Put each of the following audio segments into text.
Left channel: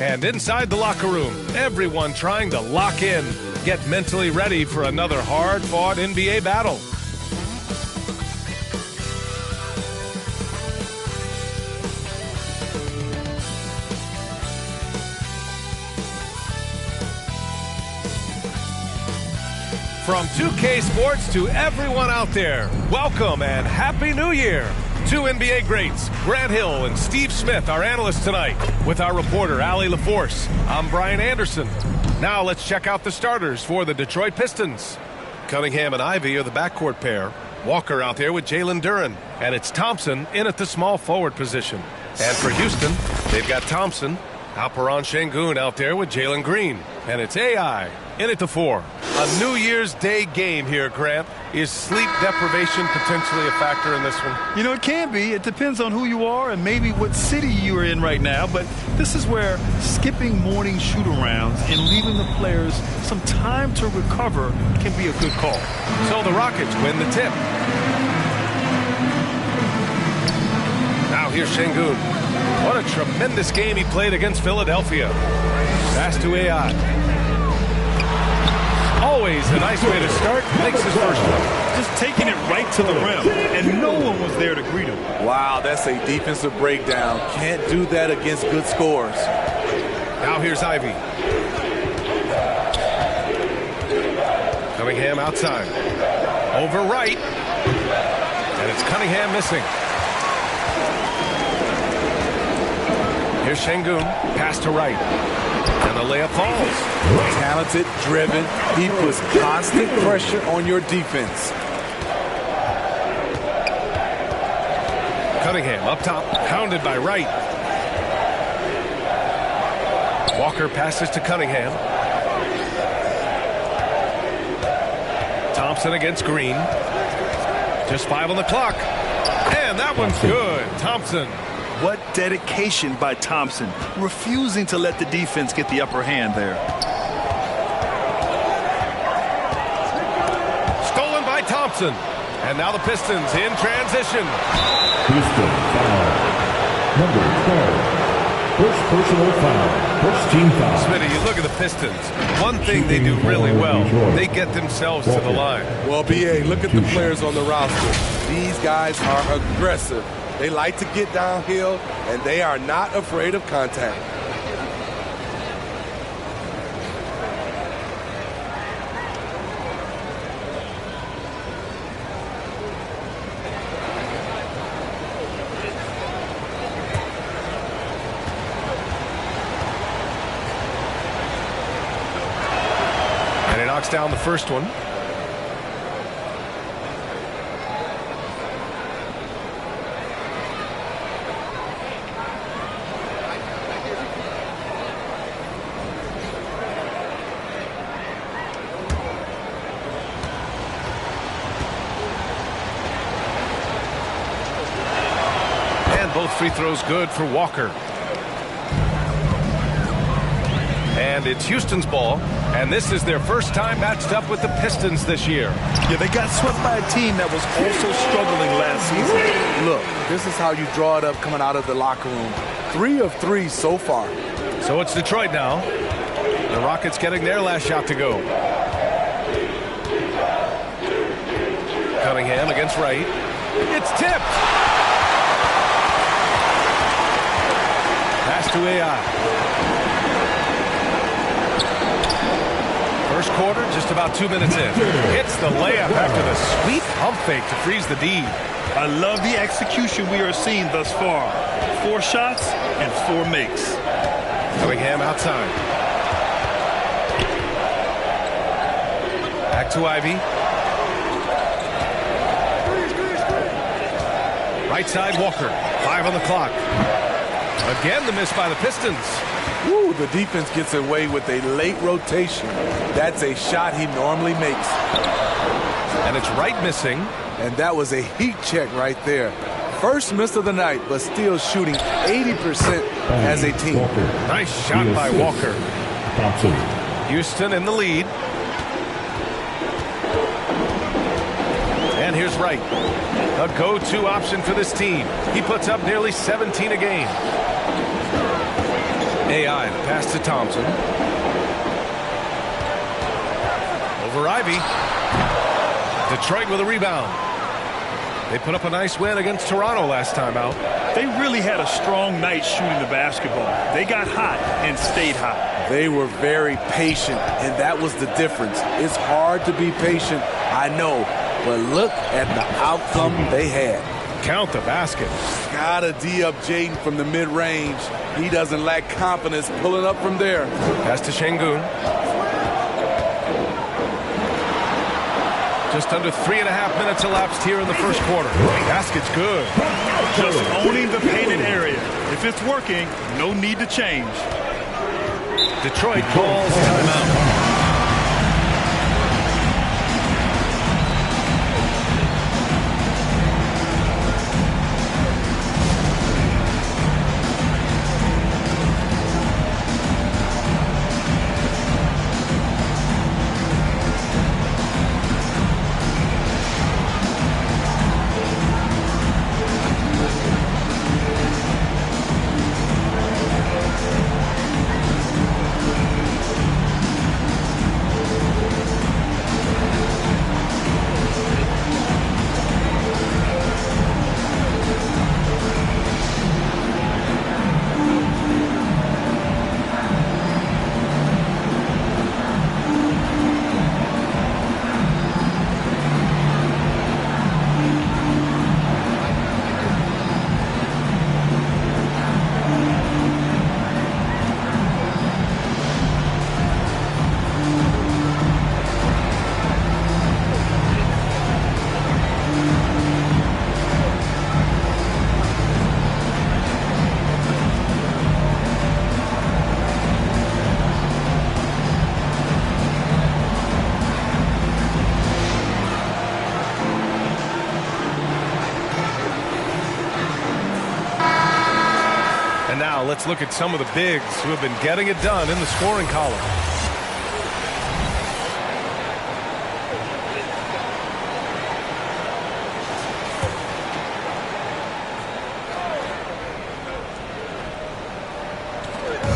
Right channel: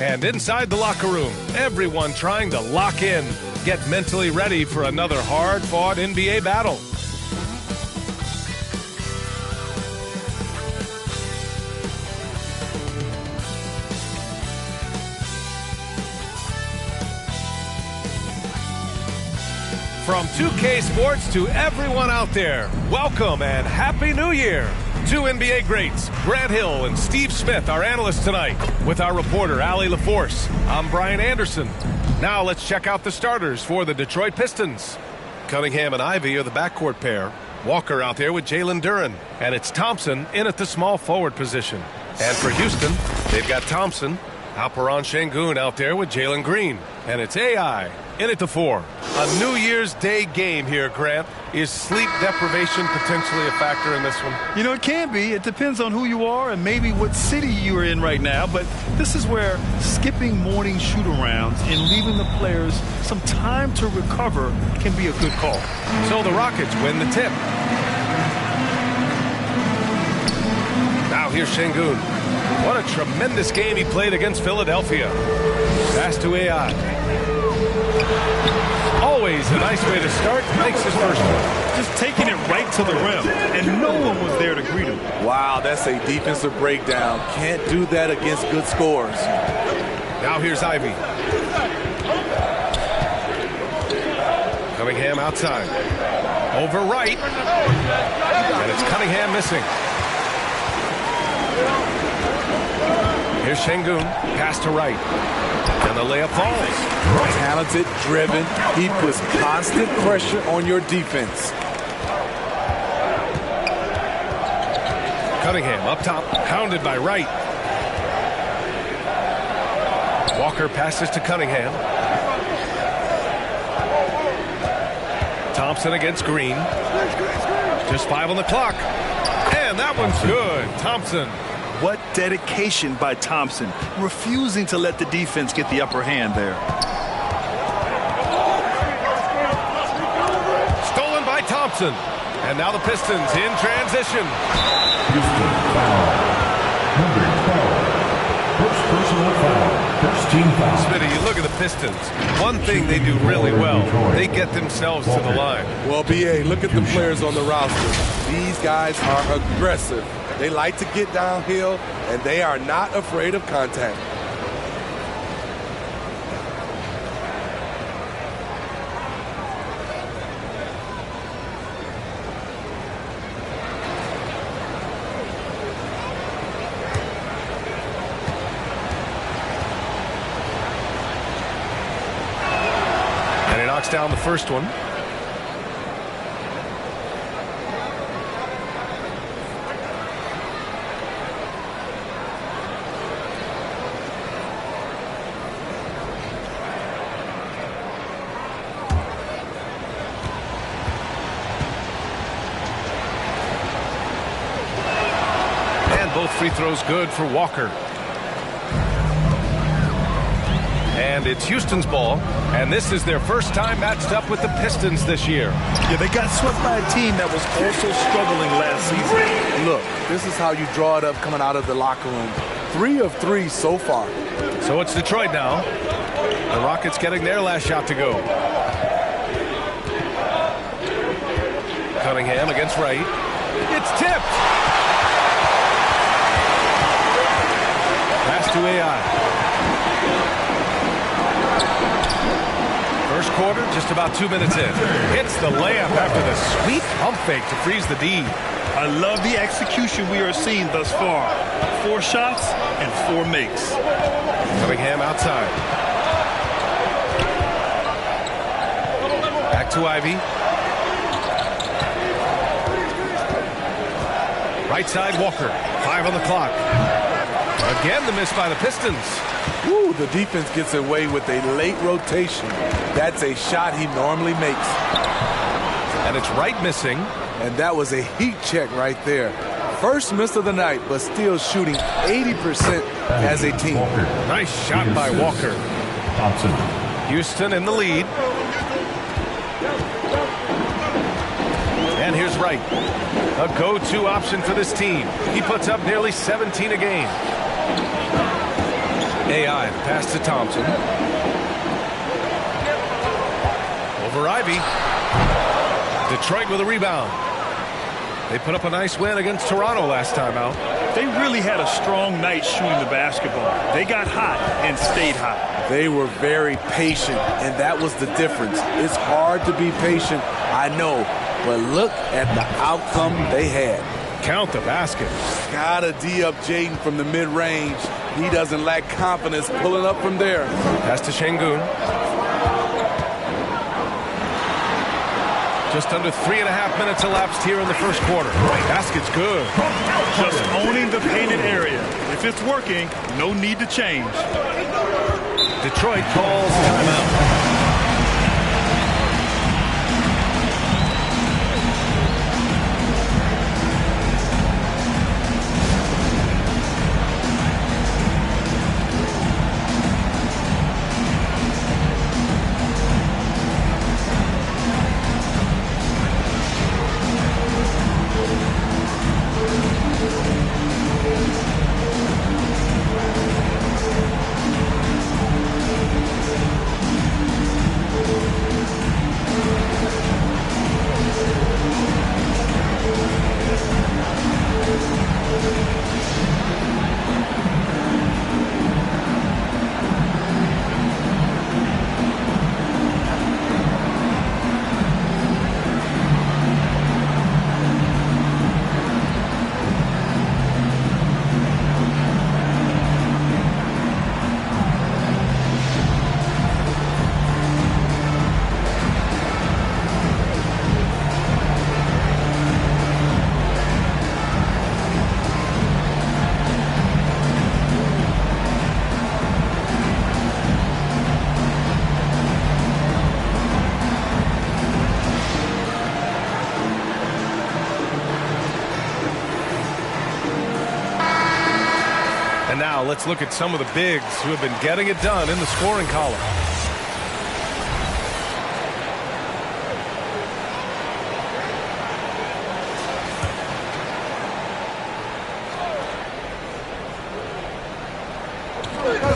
And inside the locker room, everyone trying to lock in, get mentally ready for another hard-fought NBA battle. From 2K Sports to everyone out there, welcome and Happy New Year. Two NBA greats, Grant Hill and Steve Smith, our analysts tonight, with our reporter, Allie LaForce. I'm Brian Anderson. Now let's check out the starters for the Detroit Pistons. Cunningham and Ivey are the backcourt pair. Walker out there with Jalen Duren. And it's Thompson in at the small forward position. And for Houston, they've got Thompson, Alperen Sengun out there with Jalen Green. And it's AI in at the 4. A New Year's Day game here, Grant. Is sleep deprivation potentially a factor in this one? You know, it can be. It depends on who you are and maybe what city you're in right now. But this is where skipping morning shoot-arounds and leaving the players some time to recover can be a good call. So the Rockets win the tip. Now here's Sengun. What a tremendous game he played against Philadelphia. Pass to AI. Always a nice way to start. Makes his first one. Just taking it right to the rim, and no one was there to greet him. Wow, that's a defensive breakdown. Can't do that against good scores. Now here's Ivey. Cunningham outside. Over right. And it's Cunningham missing. Here's Sengun. Pass to right. And the layup falls. Talented, driven. He puts constant pressure on your defense. Cunningham up top, pounded by Wright. Walker passes to Cunningham. Thompson against Green. Just 5 on the clock. And that one's good. Thompson. What dedication by Thompson, refusing to let the defense get the upper hand there. Stolen by Thompson. And now the Pistons in transition. Houston foul. Number 12. First personal foul. First team foul. Smitty, you look at the Pistons. One thing they do really well, they get themselves to the line. Well, B.A., look at the players on the roster. These guys are aggressive. They like to get downhill, and they are not afraid of contact. And he knocks down the first one. Both free throws good for Walker. And it's Houston's ball, and this is their first time matched up with the Pistons this year. Yeah, they got swept by a team that was also struggling last season. Look, this is how you draw it up coming out of the locker room. 3 of 3 so far. So it's Detroit now. The Rockets getting their last shot to go. Cunningham against Wright. It's tipped. Pass to AI. First quarter, just about 2 minutes in. Hits the layup after the sweet pump fake to freeze the D. I love the execution we are seeing thus far. 4 shots and 4 makes. Cunningham outside. Back to Ivey. Right side, Walker. 5 on the clock. Again, the miss by the Pistons. Ooh, the defense gets away with a late rotation. That's a shot he normally makes. And it's Wright missing. And that was a heat check right there. First miss of the night, but still shooting 80% as a team. Walker. Nice shot by Walker. Thompson. Houston in the lead. And here's Wright. A go-to option for this team. He puts up nearly 17 a game. AI, the pass to Thompson. Over Ivy. Detroit with a rebound. They put up a nice win against Toronto last time out. They really had a strong night shooting the basketball. They got hot and stayed hot. They were very patient, and that was the difference. It's hard to be patient, I know, but look at the outcome they had. Count the basket. Gotta D up Jaden from the mid-range. He doesn't lack confidence pulling up from there. Pass to Şengün. Just under 3.5 minutes elapsed here in the first quarter. Basket's good. Just owning the painted area. If it's working, no need to change. Detroit calls timeout. And now let's look at some of the bigs who have been getting it done in the scoring column.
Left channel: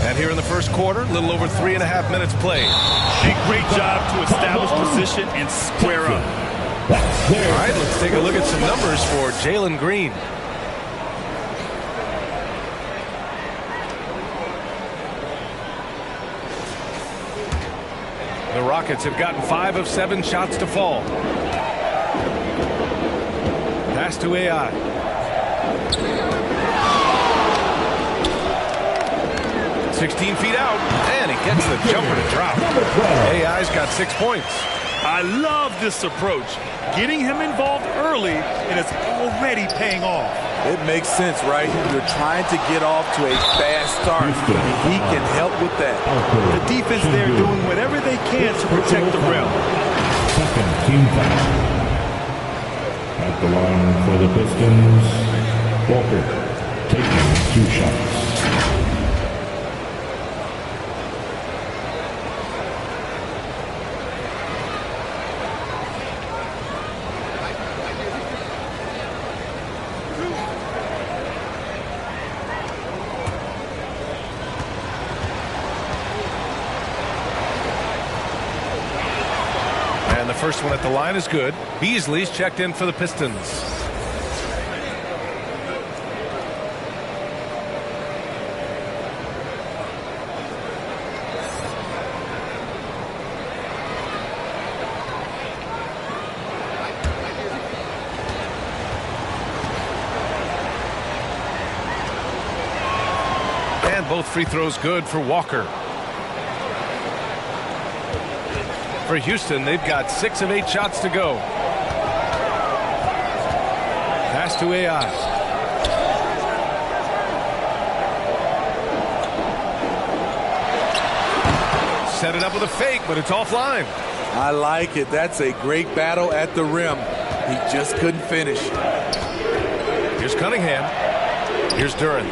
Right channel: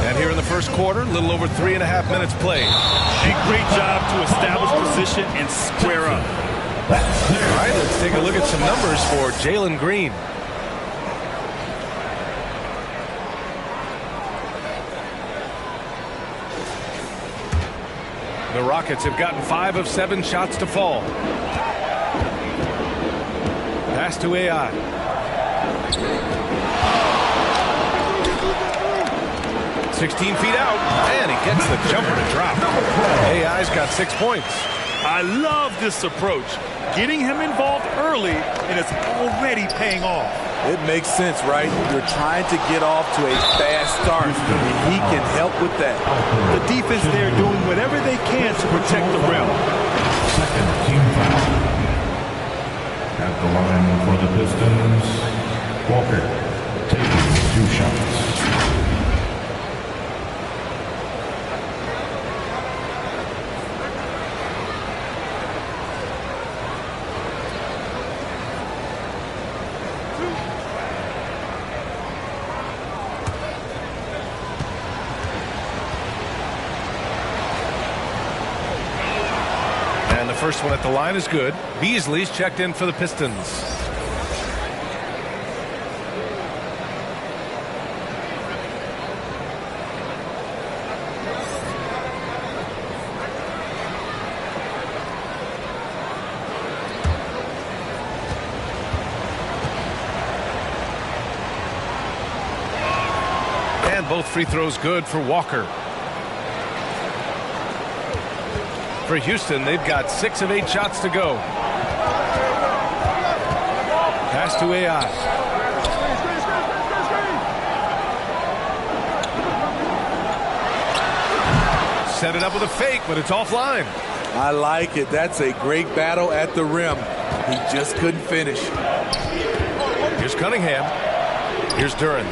And here in the first quarter, a little over 3.5 minutes played. A great job to establish position and square up. All right, let's take a look at some numbers for Jalen Green. The Rockets have gotten 5 of 7 shots to fall. Pass to AI. "16 feet out, and he gets the jumper to drop." AI's got 6 points. I love this approach. Getting him involved early, and it's already paying off. It makes sense, right? You're trying to get off to a fast start, and he can help with that. The defense there doing whatever they can to protect the rim. Second team foul. At the line for the Pistons, Walker taking 2 shots. And the first one at the line is good. Beasley's checked in for the Pistons. And both free throws good for Walker. For Houston, they've got 6 of 8 shots to go. Pass to AI. Set it up with a fake, but it's offline. I like it. That's a great battle at the rim. He just couldn't finish. Here's Cunningham. Here's Duren.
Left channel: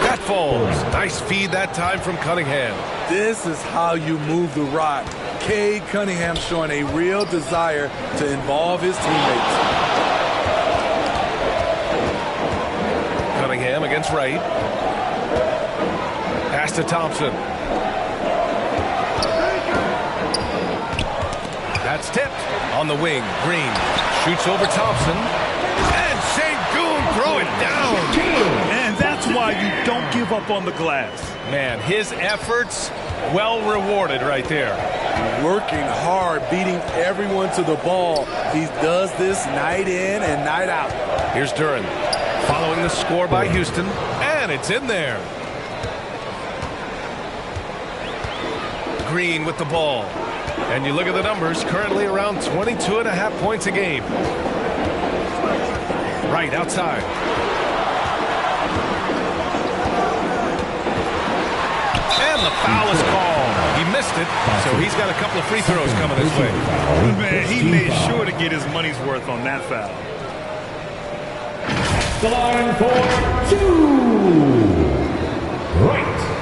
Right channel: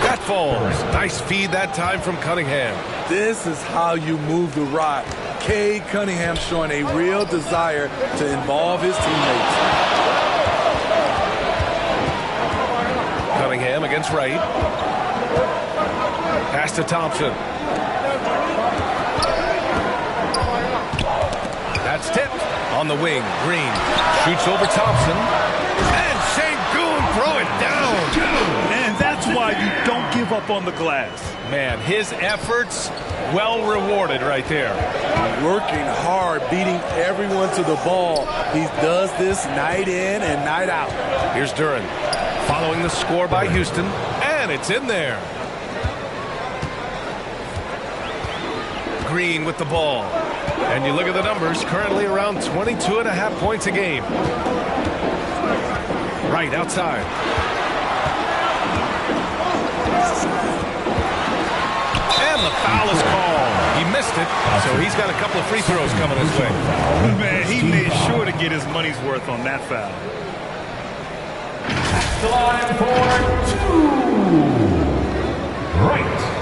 That falls. Nice feed that time from Cunningham. This is how you move the rock. Cade Cunningham showing a real desire to involve his teammates. Cunningham against Wright. Pass to Thompson. That's tipped. On the wing, Green shoots over Thompson. And Sengun throw it down. And that's why you don't give up on the glass. Man, his efforts well rewarded right there. Working hard, beating everyone to the ball. He does this night in and night out. Here's Duren following the score by Houston, and it's in there. Green with the ball. And you look at the numbers, currently around 22.5 points a game. Right outside. And the foul is called. He missed it, so he's got a couple of free throws coming his way. Man, he made sure to get his money's worth on that foul. The line for two. Right.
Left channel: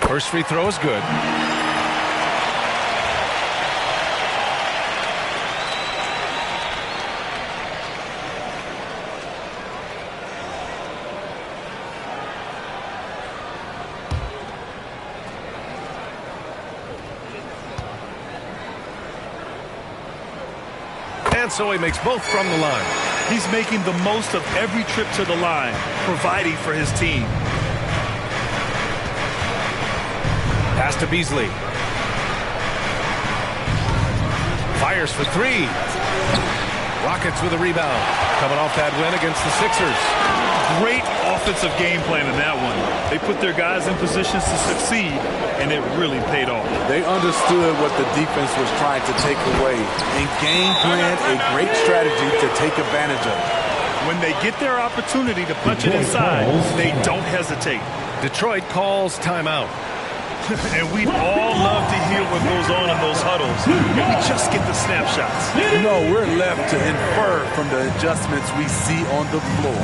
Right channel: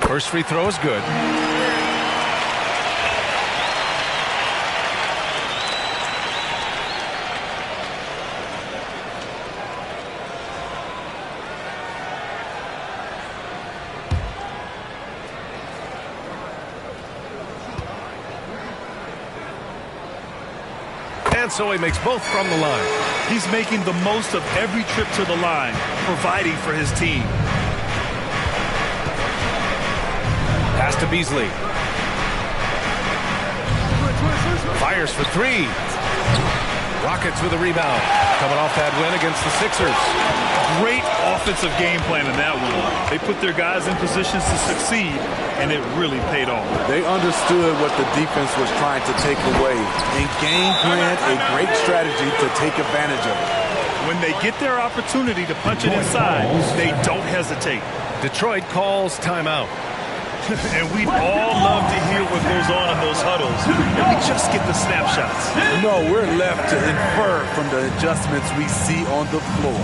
First free throw is good. And so he makes both from the line. He's making the most of every trip to the line, providing for his team. Pass to Beasley. Fires for three. Rockets with a rebound. Coming off that win against the Sixers. Great offensive game plan in that one. They put their guys in positions to succeed, and it really paid off. They understood what the defense was trying to take away and game planned a great strategy to take advantage of it. When they get their opportunity to punch it inside, they don't hesitate. Detroit calls timeout. And we'd all love to hear what goes on in those huddles if we just get the snapshots. No, we're left to infer from the adjustments we see on the floor.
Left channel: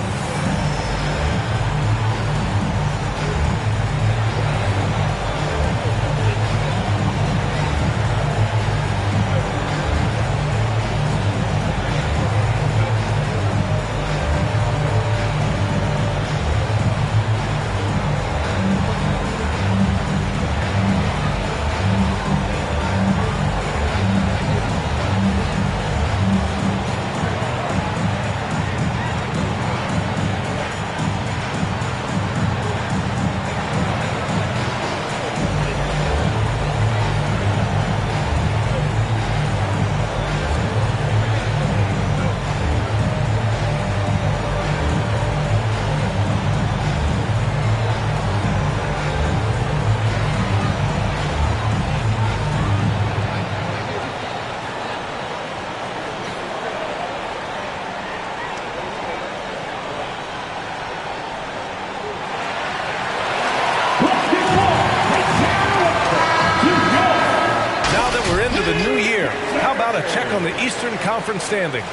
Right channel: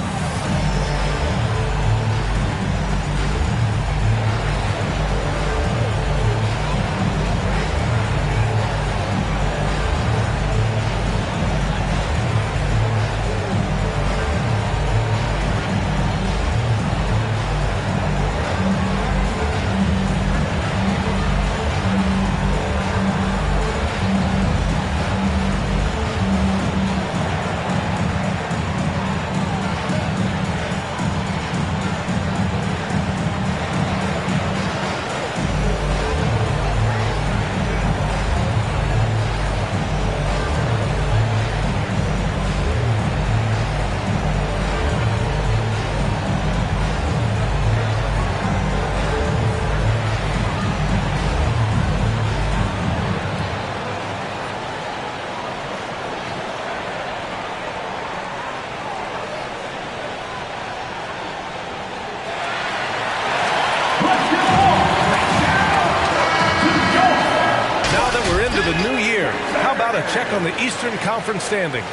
The new year. How about a check on the Eastern Conference standings?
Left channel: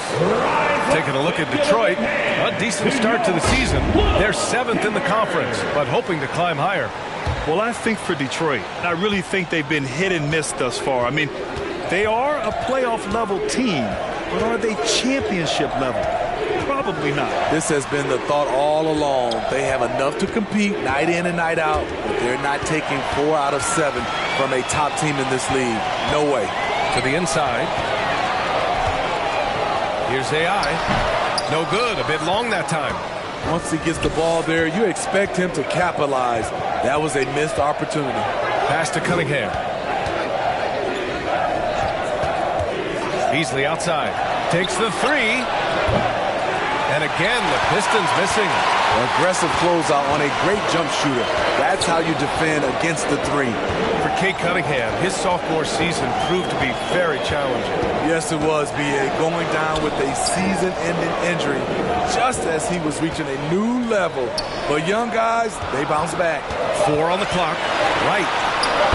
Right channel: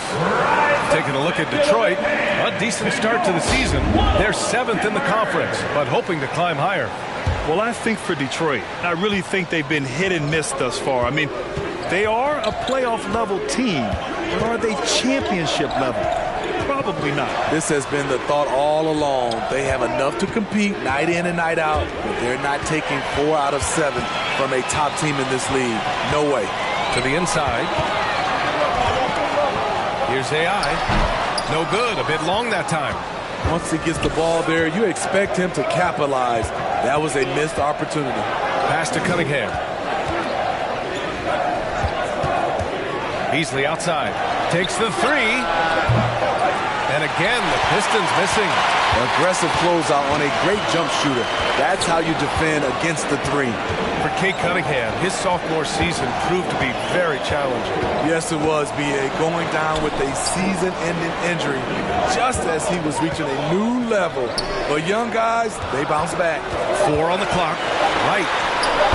Taking a look at Detroit, a decent start to the season. They're 7th in the conference, but hoping to climb higher. Well, I think for Detroit, I really think they've been hit and miss thus far. I mean, they are a playoff level team, but are they championship level? Probably not. This has been the thought all along. They have enough to compete night in and night out, but they're not taking 4 out of 7 from a top team in this league. No way. To the inside. Here's AI. No good. A bit long that time. Once he gets the ball there, you expect him to capitalize. That was a missed opportunity. Pass to Cunningham. Beasley outside. Takes the three. And again, the Pistons missing. Aggressive closeout on a great jump shooter. That's how you defend against the three. For Cade Cunningham, his sophomore season proved to be very challenging. Yes, it was, B.A. Going down with a season-ending injury just as he was reaching a new level. But young guys, they bounce back. 4 on the clock. Right.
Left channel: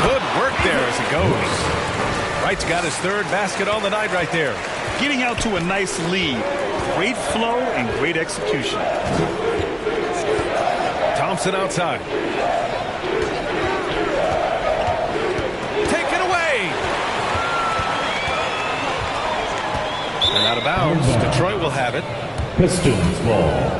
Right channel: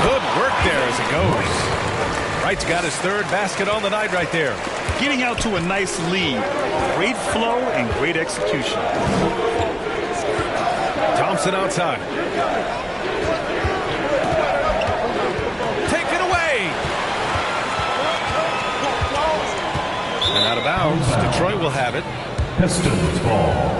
Good work work there as it goes. Wright's got his third basket on the night right there. Getting out to a nice lead. Great flow and great execution. Thompson outside. Take it away. And out of bounds. Detroit will have it. Pistons ball.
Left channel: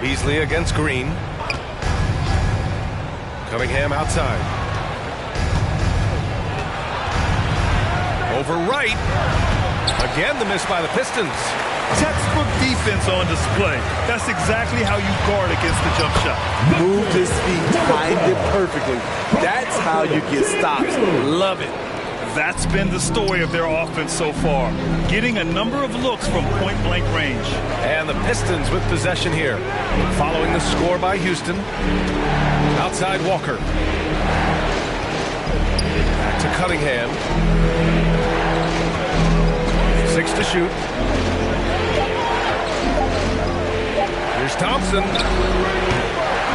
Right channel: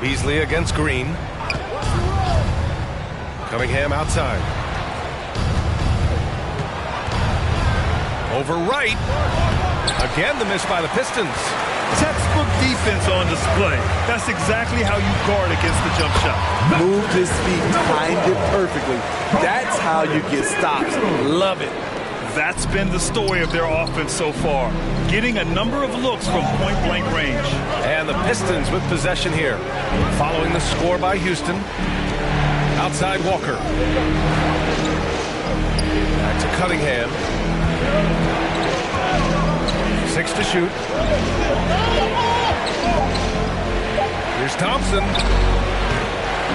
Beasley against Green. Cunningham outside. Over Wright. Again, the miss by the Pistons. Textbook defense on display. That's exactly how you guard against the jump shot. Moved his feet, timed it perfectly. That's how you get stops. Love it. That's been the story of their offense so far. Getting a number of looks from point-blank range. And the Pistons with possession here. Following the score by Houston. Outside Walker. Back to Cunningham. 6 to shoot. Here's Thompson.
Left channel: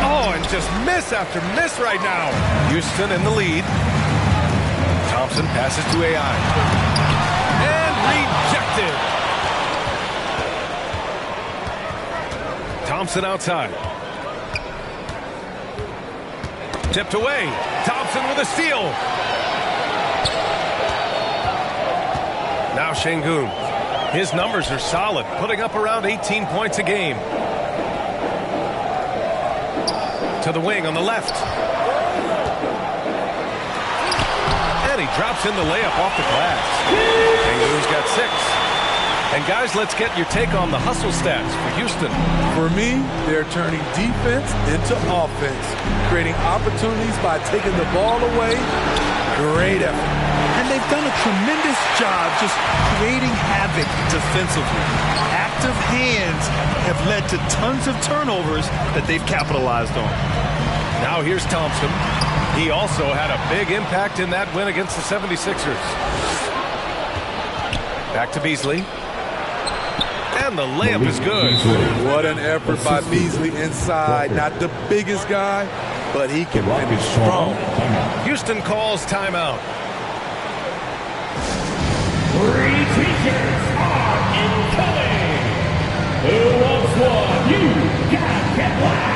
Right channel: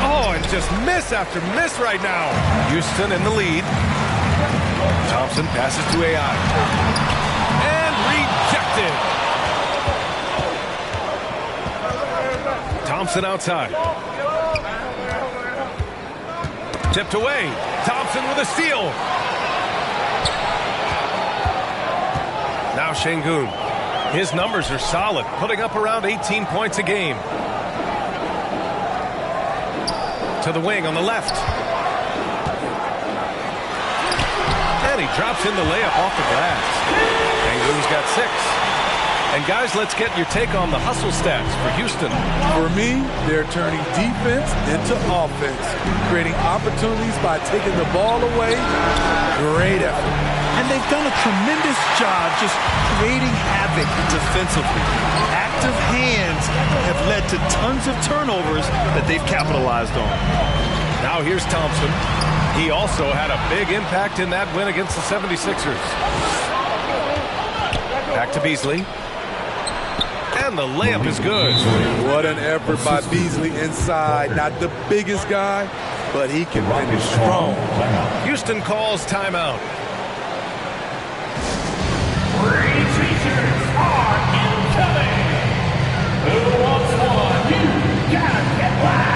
Oh, and just miss after miss right now. Houston in the lead. Thompson passes to AI. And rejected. Thompson outside. Tipped away. Thompson with a steal. Now Şengün. His numbers are solid, putting up around 18 points a game. To the wing on the left. And he drops in the layup off the glass. Şengün's got 6. And guys, let's get your take on the hustle stats for Houston. For me, they're turning defense into offense, creating opportunities by taking the ball away. Great effort. And they've done a tremendous job just creating havoc defensively. Active hands have led to tons of turnovers that they've capitalized on. Now here's Thompson. He also had a big impact in that win against the 76ers. Back to Beasley. And the layup is good. What an effort by Beasley inside. Not the biggest guy, but he can finish strong. Houston calls timeout. Teachers are incoming. Who wants one? You gotta get loud.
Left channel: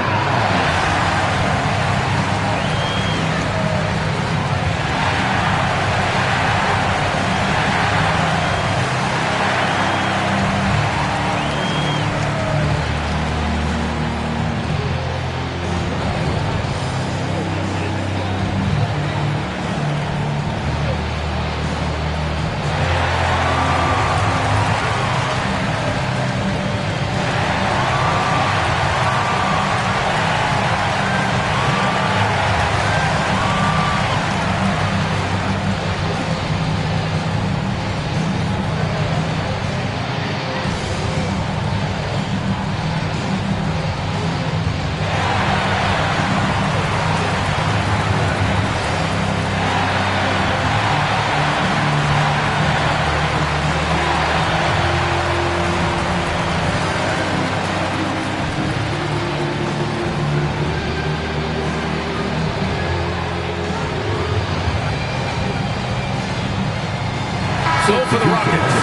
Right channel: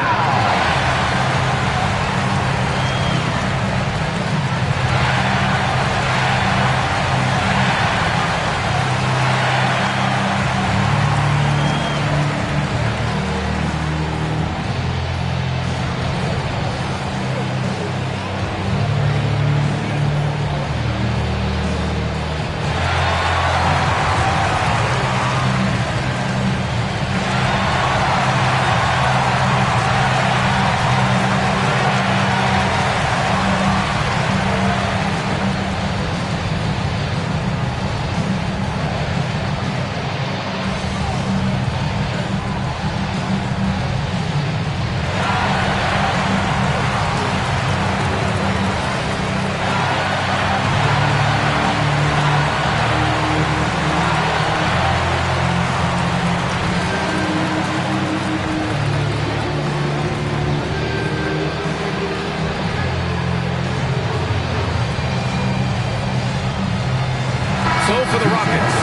So for the Rockets,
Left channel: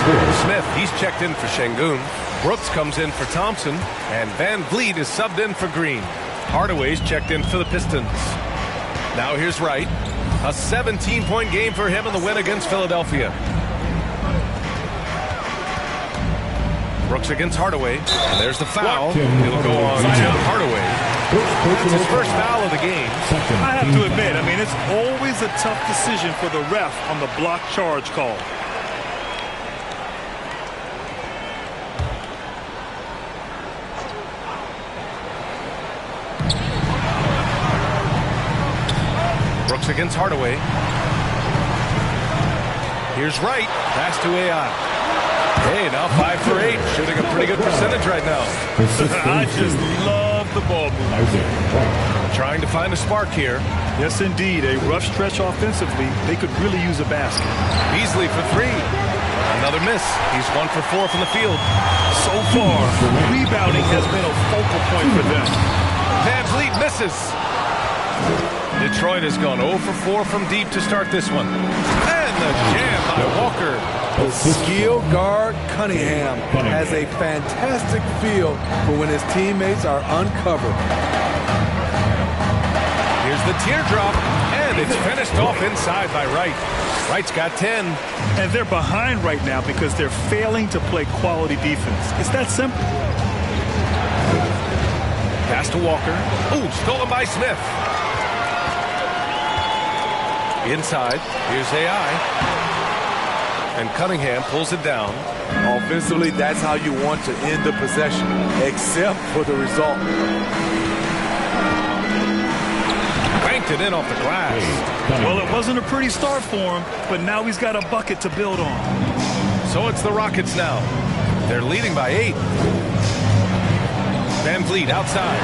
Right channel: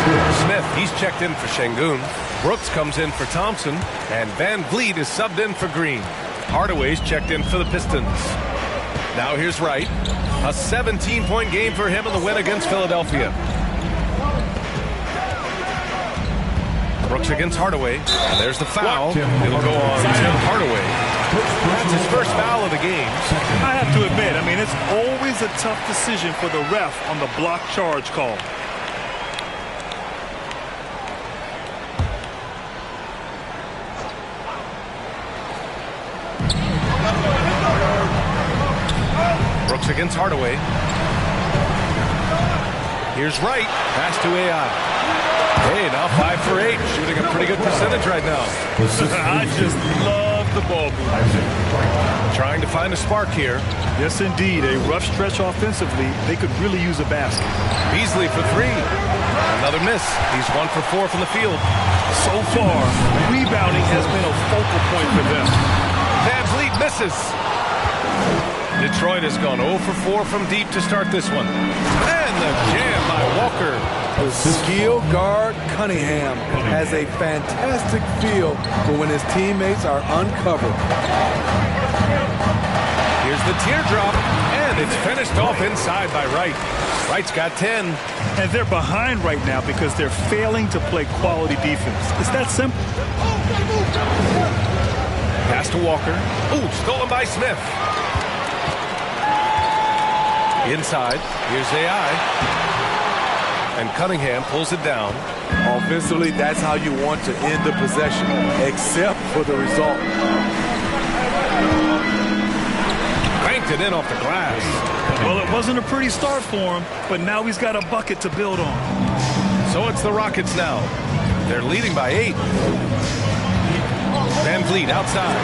Smith, he's checked in for Şengün. Brooks comes in for Thompson. And Van Vliet is subbed in for Green. Hardaway's checked in for the Pistons. Now here's Wright. A 17-point game for him in the win against Philadelphia. Brooks against Hardaway. And there's the foul. It'll go on Tim Hardaway. That's his first foul of the game. I have to admit, it's always a tough decision for the ref on the block charge call. Brooks against Hardaway. Here's Wright. Pass to AI. Hey, now 5 for 8. Shooting a pretty good percentage right now. I just love the ball movement. Trying to find a spark here. Yes, indeed. A rough stretch offensively. They could really use a basket. Beasley for 3. Another miss. He's 1 for 4 from the field. So far, rebounding has been a focal point for them. Van Vliet misses. Detroit has gone 0 for 4 from deep to start this one. And the jam by Walker. The skill guard Cunningham has a fantastic feel for when his teammates are uncovered. Here's the teardrop, and it's finished off inside by Wright. Wright's got 10. And they're behind right now because they're failing to play quality defense. It's that simple. Pass to Walker. Ooh, stolen by Smith. Inside, here's AI. And Cunningham pulls it down. Offensively, that's how you want to end the possession, except for the result. Banked it in off the glass. Well, it wasn't a pretty start for him, but now he's got a bucket to build on. So it's the Rockets now. They're leading by 8. Van Vliet outside.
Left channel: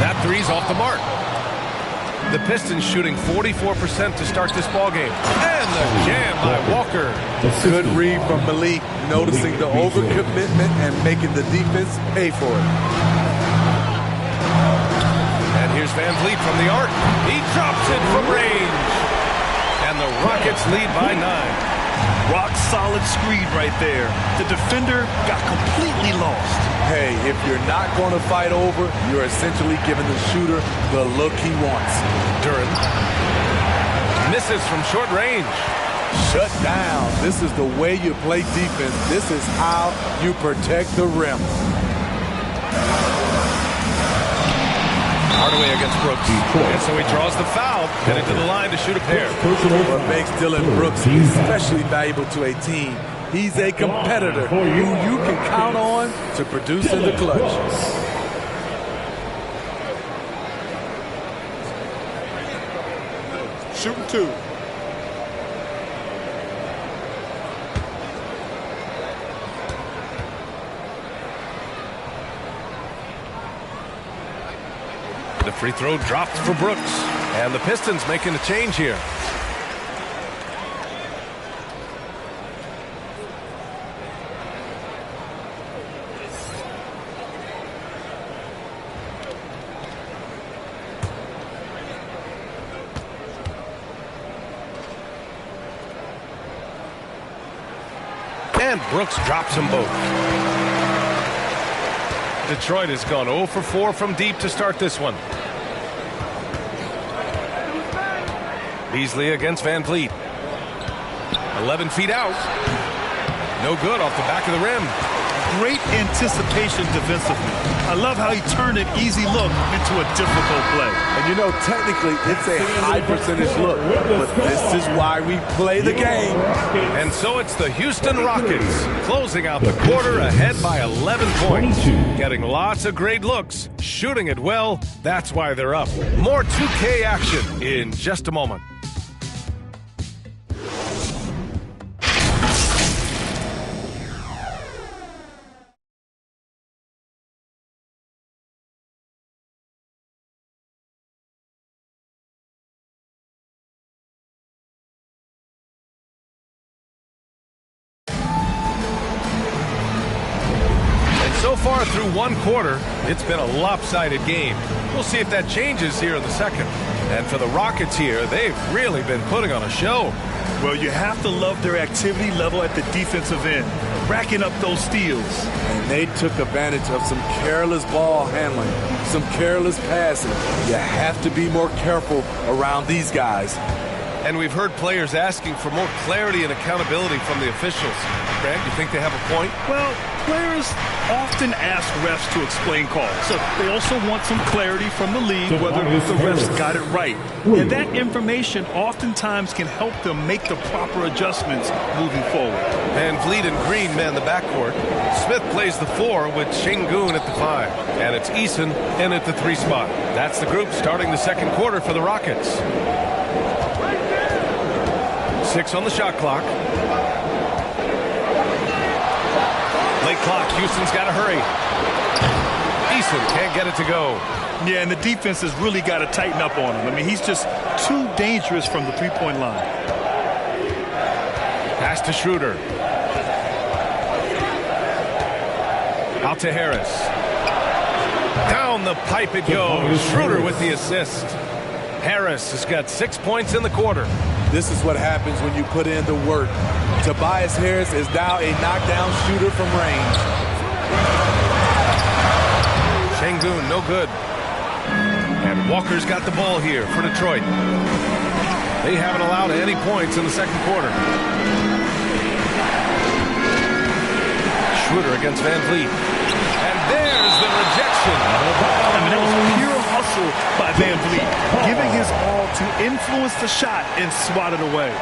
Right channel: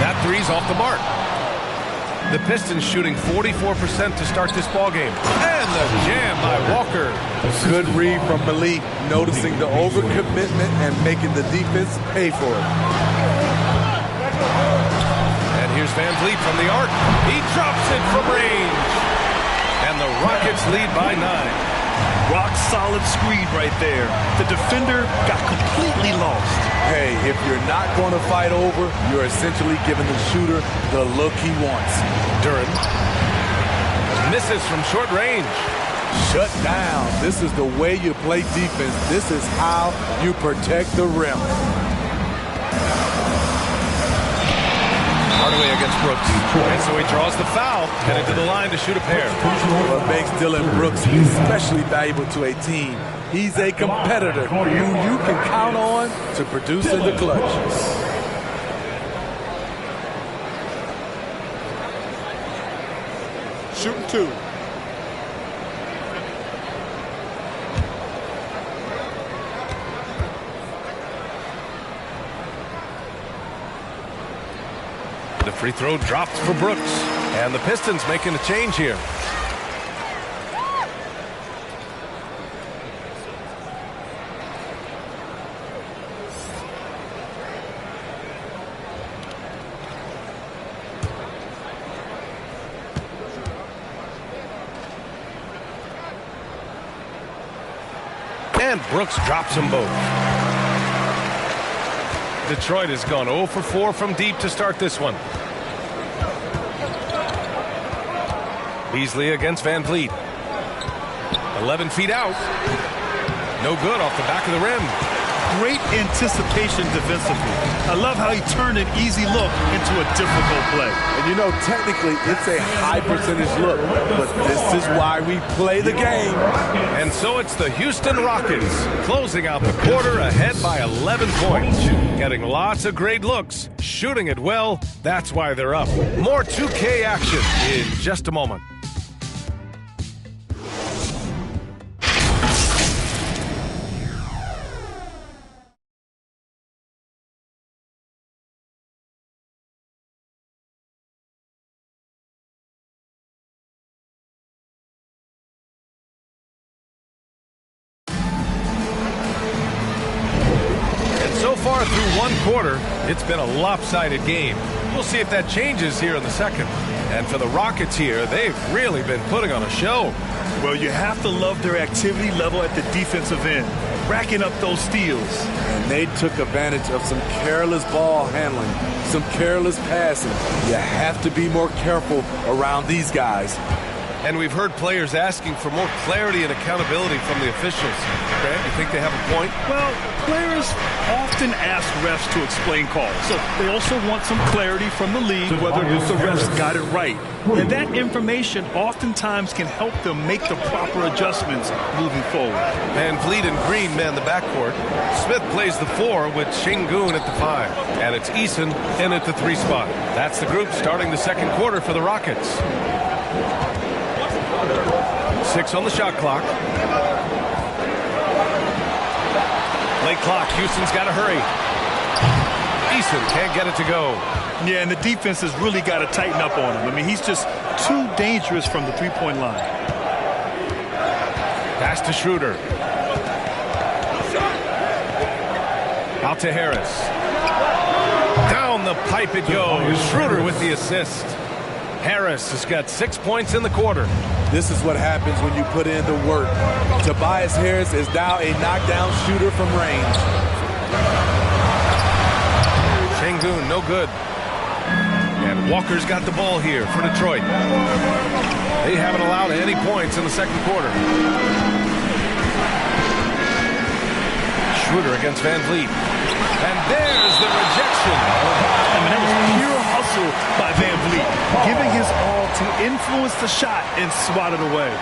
That three's off the mark. The Pistons shooting 44% to start this ballgame. And the jam by Walker. Good read from Malik, noticing the overcommitment and making the defense pay for it. And here's Van Vliet from the arc. He drops it from range. And the Rockets lead by 9. Rock solid screen right there. The defender got completely lost. Hey, if you're not going to fight over, you're essentially giving the shooter the look he wants. Duren misses from short range. Shut down. This is the way you play defense. This is how you protect the rim. Hardaway against Brooks. And so he draws the foul, headed to the line to shoot a pair. What makes Dillon Brooks especially valuable to a team, he's a competitor who you can count on to produce in the clutch. Shooting 2. The free throw dropped for Brooks. And the Pistons making a change here. And Brooks drops them both. Detroit has gone 0 for 4 from deep to start this one. Beasley against Van Vliet. 11 feet out. No good off the back of the rim. Great anticipation defensively. I love how he turned an easy look into a difficult play. And you know, technically, it's a high percentage look, but this is why we play the game. And so it's the Houston Rockets closing out the quarter ahead by 11 points. Getting lots of great looks, shooting it well. That's why they're up. More 2K action in just a moment. So far through one quarter, it's been a lopsided game. We'll see if that changes here in the second. And for the Rockets here, they've really been putting on a show. Well, you have to love their activity level at the defensive end, racking up those steals. And they took advantage of some careless ball handling, some careless passing. You have to be more careful around these guys. And we've heard players asking for more clarity and accountability from the officials. Grant, you think they have a point? Well, players often ask refs to explain calls. So they also want some clarity from the league whether the refs got it right. And that information oftentimes can help them make the proper adjustments moving forward. Van Vliet and Green man the backcourt. Smith plays the 4 with Şengün at the 5. And it's Eason in at the 3 spot. That's the group starting the second quarter for the Rockets. 6 on the shot clock. Late clock. Houston's got to hurry. Eason can't get it to go. Yeah, and the defense has really got to tighten up on him. I mean, he's just too dangerous from the three-point line. Pass to Schroeder. Out to Harris. Down the pipe it goes. Schroeder with the assist. Harris has got 6 points in the quarter. This is what happens when you put in the work. Tobias Harris is now a knockdown shooter from range. Sengun, no good. And Walker's got the ball here for Detroit. They haven't allowed any points in the second quarter. Schroeder against Van Vliet. And there's the rejection. I mean, that was pure hustle by Van Vliet, giving his all to influence the shot and swat it away.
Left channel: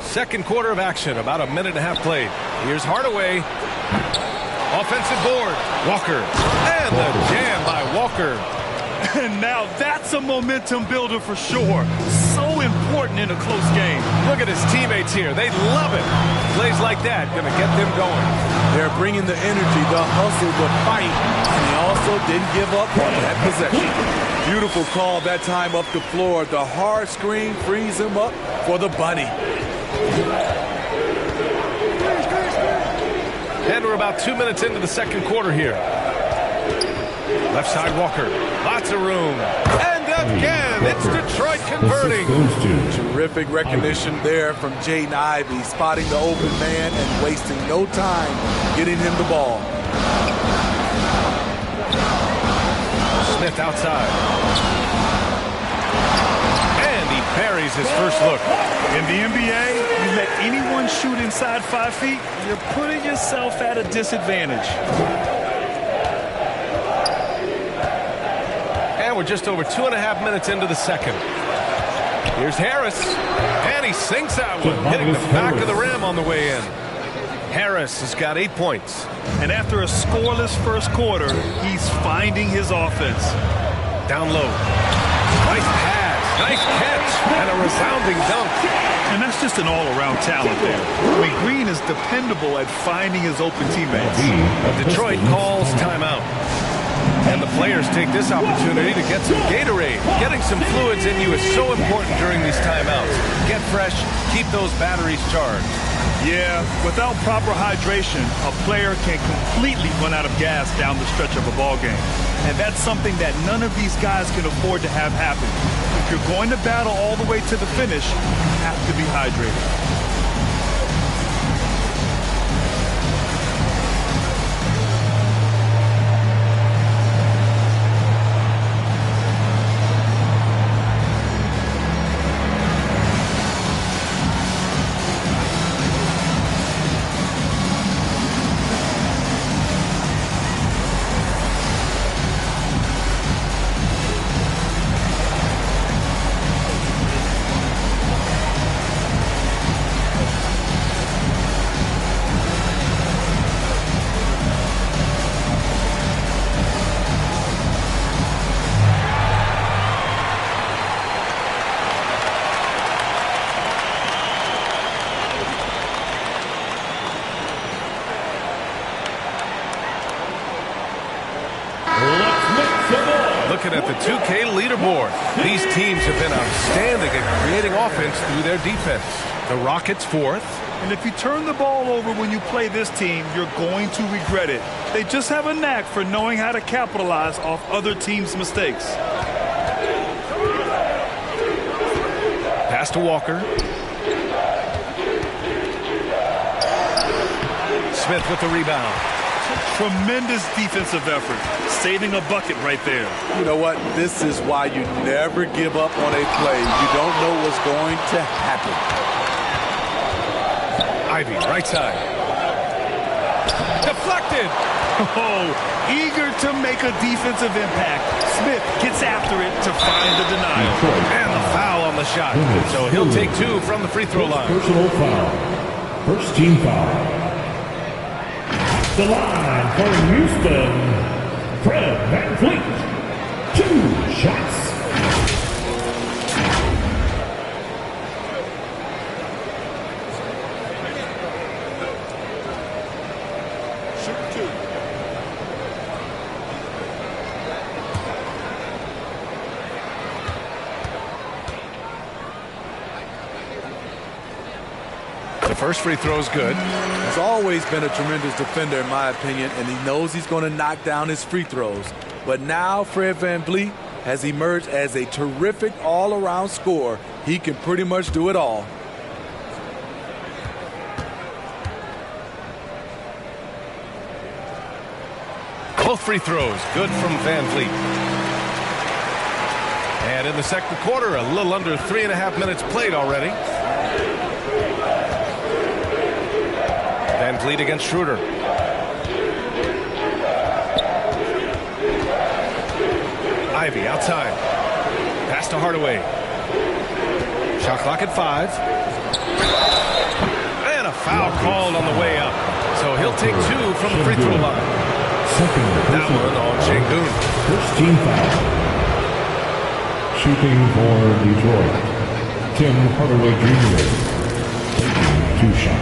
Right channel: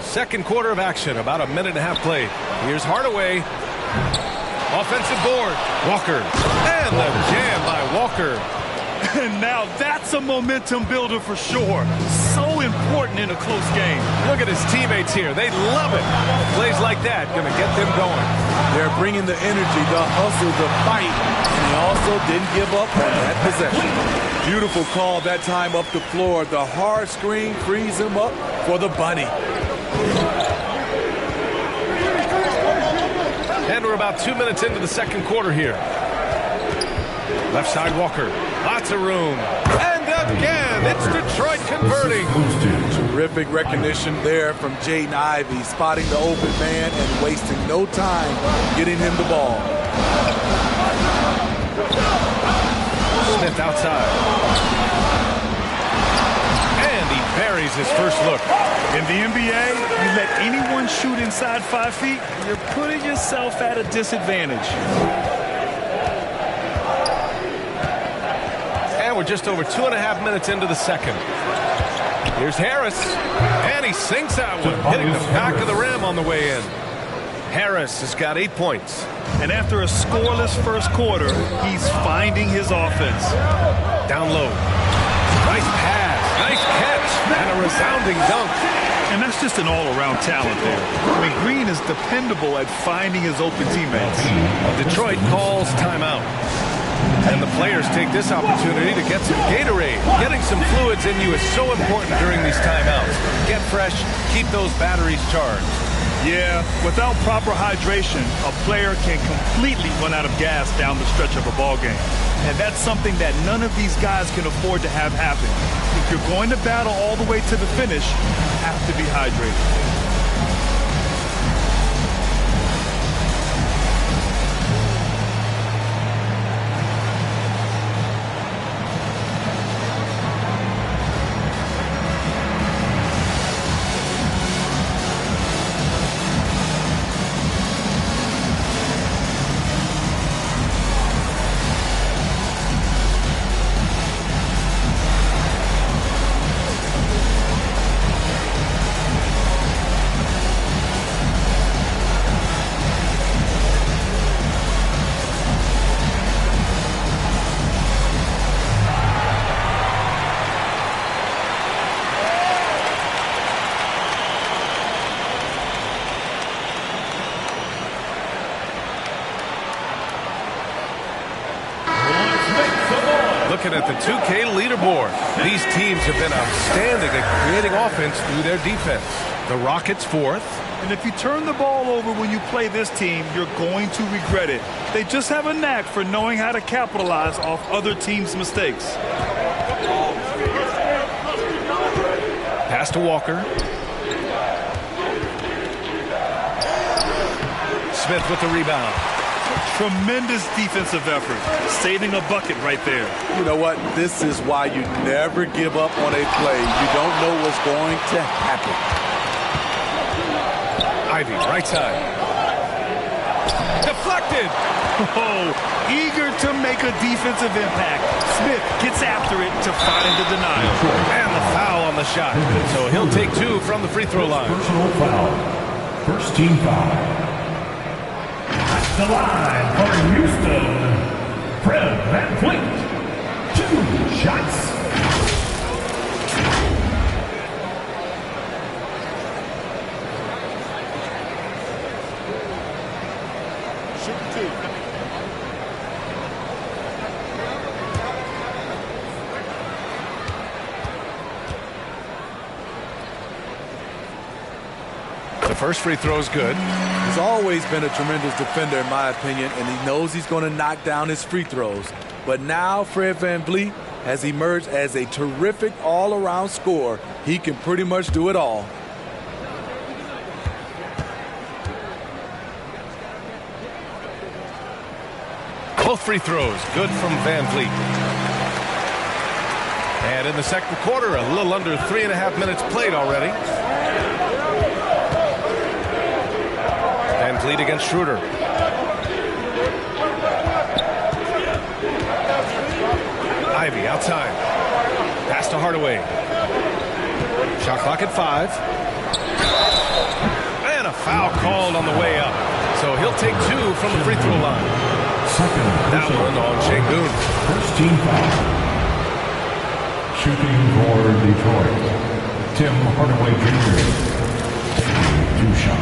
Second quarter of action, about a minute and a half played. Here's Hardaway. Offensive board. Walker. And the jam by Walker. And now that's a momentum builder for sure. So important in a close game. Look at his teammates here. They love it. Plays like that going to get them going. They're bringing the energy, the hustle, the fight, and he also didn't give up on that possession. Beautiful call that time up the floor. The hard screen frees him up for the bunny. And we're about 2 minutes into the second quarter here. Left side Walker. Lots of room. And again, it's Detroit converting. Terrific recognition there from Jaden Ivey, spotting the open man and wasting no time getting him the ball. Smith outside. And he buries his first look. In the NBA, you let anyone shoot inside 5 feet, you're putting yourself at a disadvantage. And we're just over 2.5 minutes into the second. Here's Harris. And he sinks that one, hitting the back of the rim on the way in. Harris has got 8 points. And after a scoreless first quarter, he's finding his offense. Down low. Nice pass. Nice catch. And a resounding dunk. And that's just an all-around talent there. I mean, Green is dependable at finding his open teammates. Detroit calls timeout. And the players take this opportunity to get some Gatorade. Getting some fluids in you is so important during these timeouts. Get fresh, keep those batteries charged. Yeah, without proper hydration, a player can completely run out of gas down the stretch of a ball game. And that's something that none of these guys can afford to have happen. If you're going to battle all the way to the finish, you have to be hydrated. Looking at the 2K leaderboard, these teams have been outstanding at creating offense through their defense. The Rockets 4th. And if you turn the ball over when you play this team, you're going to regret it. They just have a knack for knowing how to capitalize off other teams' mistakes. Pass to Walker. Smith with the rebound. Tremendous defensive effort, saving a bucket right there. You know what? This is why you never give up on a play. You don't know what's going to happen. Ivy, right side. Deflected. Oh, eager to make a defensive impact. Smith gets after it to find the denial. And the foul on the shot. So he'll take 2 from the free throw line. Personal foul. First team foul. The line for Houston, Fred VanVleet. 2 shots. shooting 2. The first free throw is good. He's always been a tremendous defender, in my opinion, and he knows he's going to knock down his free throws. But now Fred VanVleet has emerged as a terrific all-around scorer. He can pretty much do it all. Both free throws good from VanVleet. And in the second quarter, a little under 3.5 minutes played already. VanVleet against Schroeder. Ivey outside. Pass to Hardaway. Shot clock at 5. And a foul called on the way up. So he'll take 2 from the free throw line. That one on Şengün. First team foul. Shooting for Detroit, Tim Hardaway Jr. taking 2 shots.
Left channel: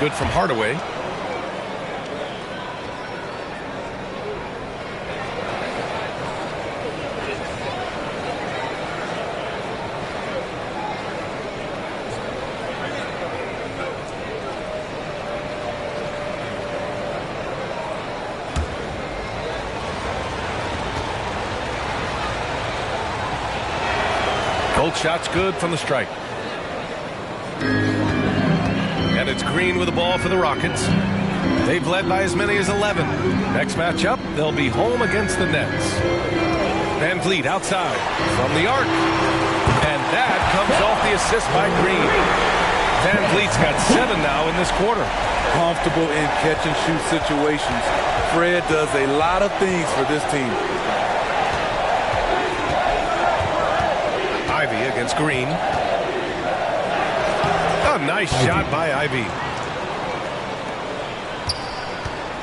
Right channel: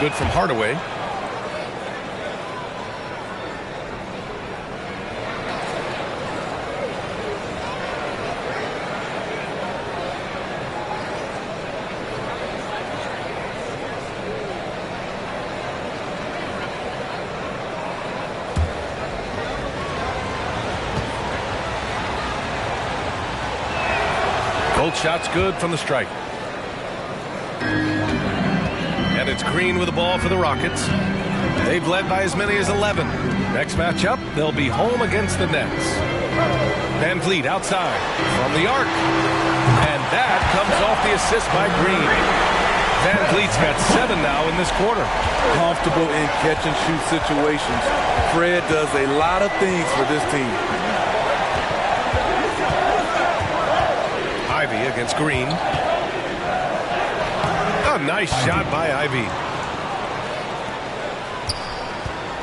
Good from Hardaway. Both shots good from the strike. And it's Green with the ball for the Rockets. They've led by as many as 11. Next matchup, they'll be home against the Nets. VanVleet outside from the arc. And that comes off the assist by Green. VanVleet's got 7 now in this quarter. Comfortable in catch-and-shoot situations. Fred does a lot of things for this team. Ivey against Green. A nice shot by Ivey.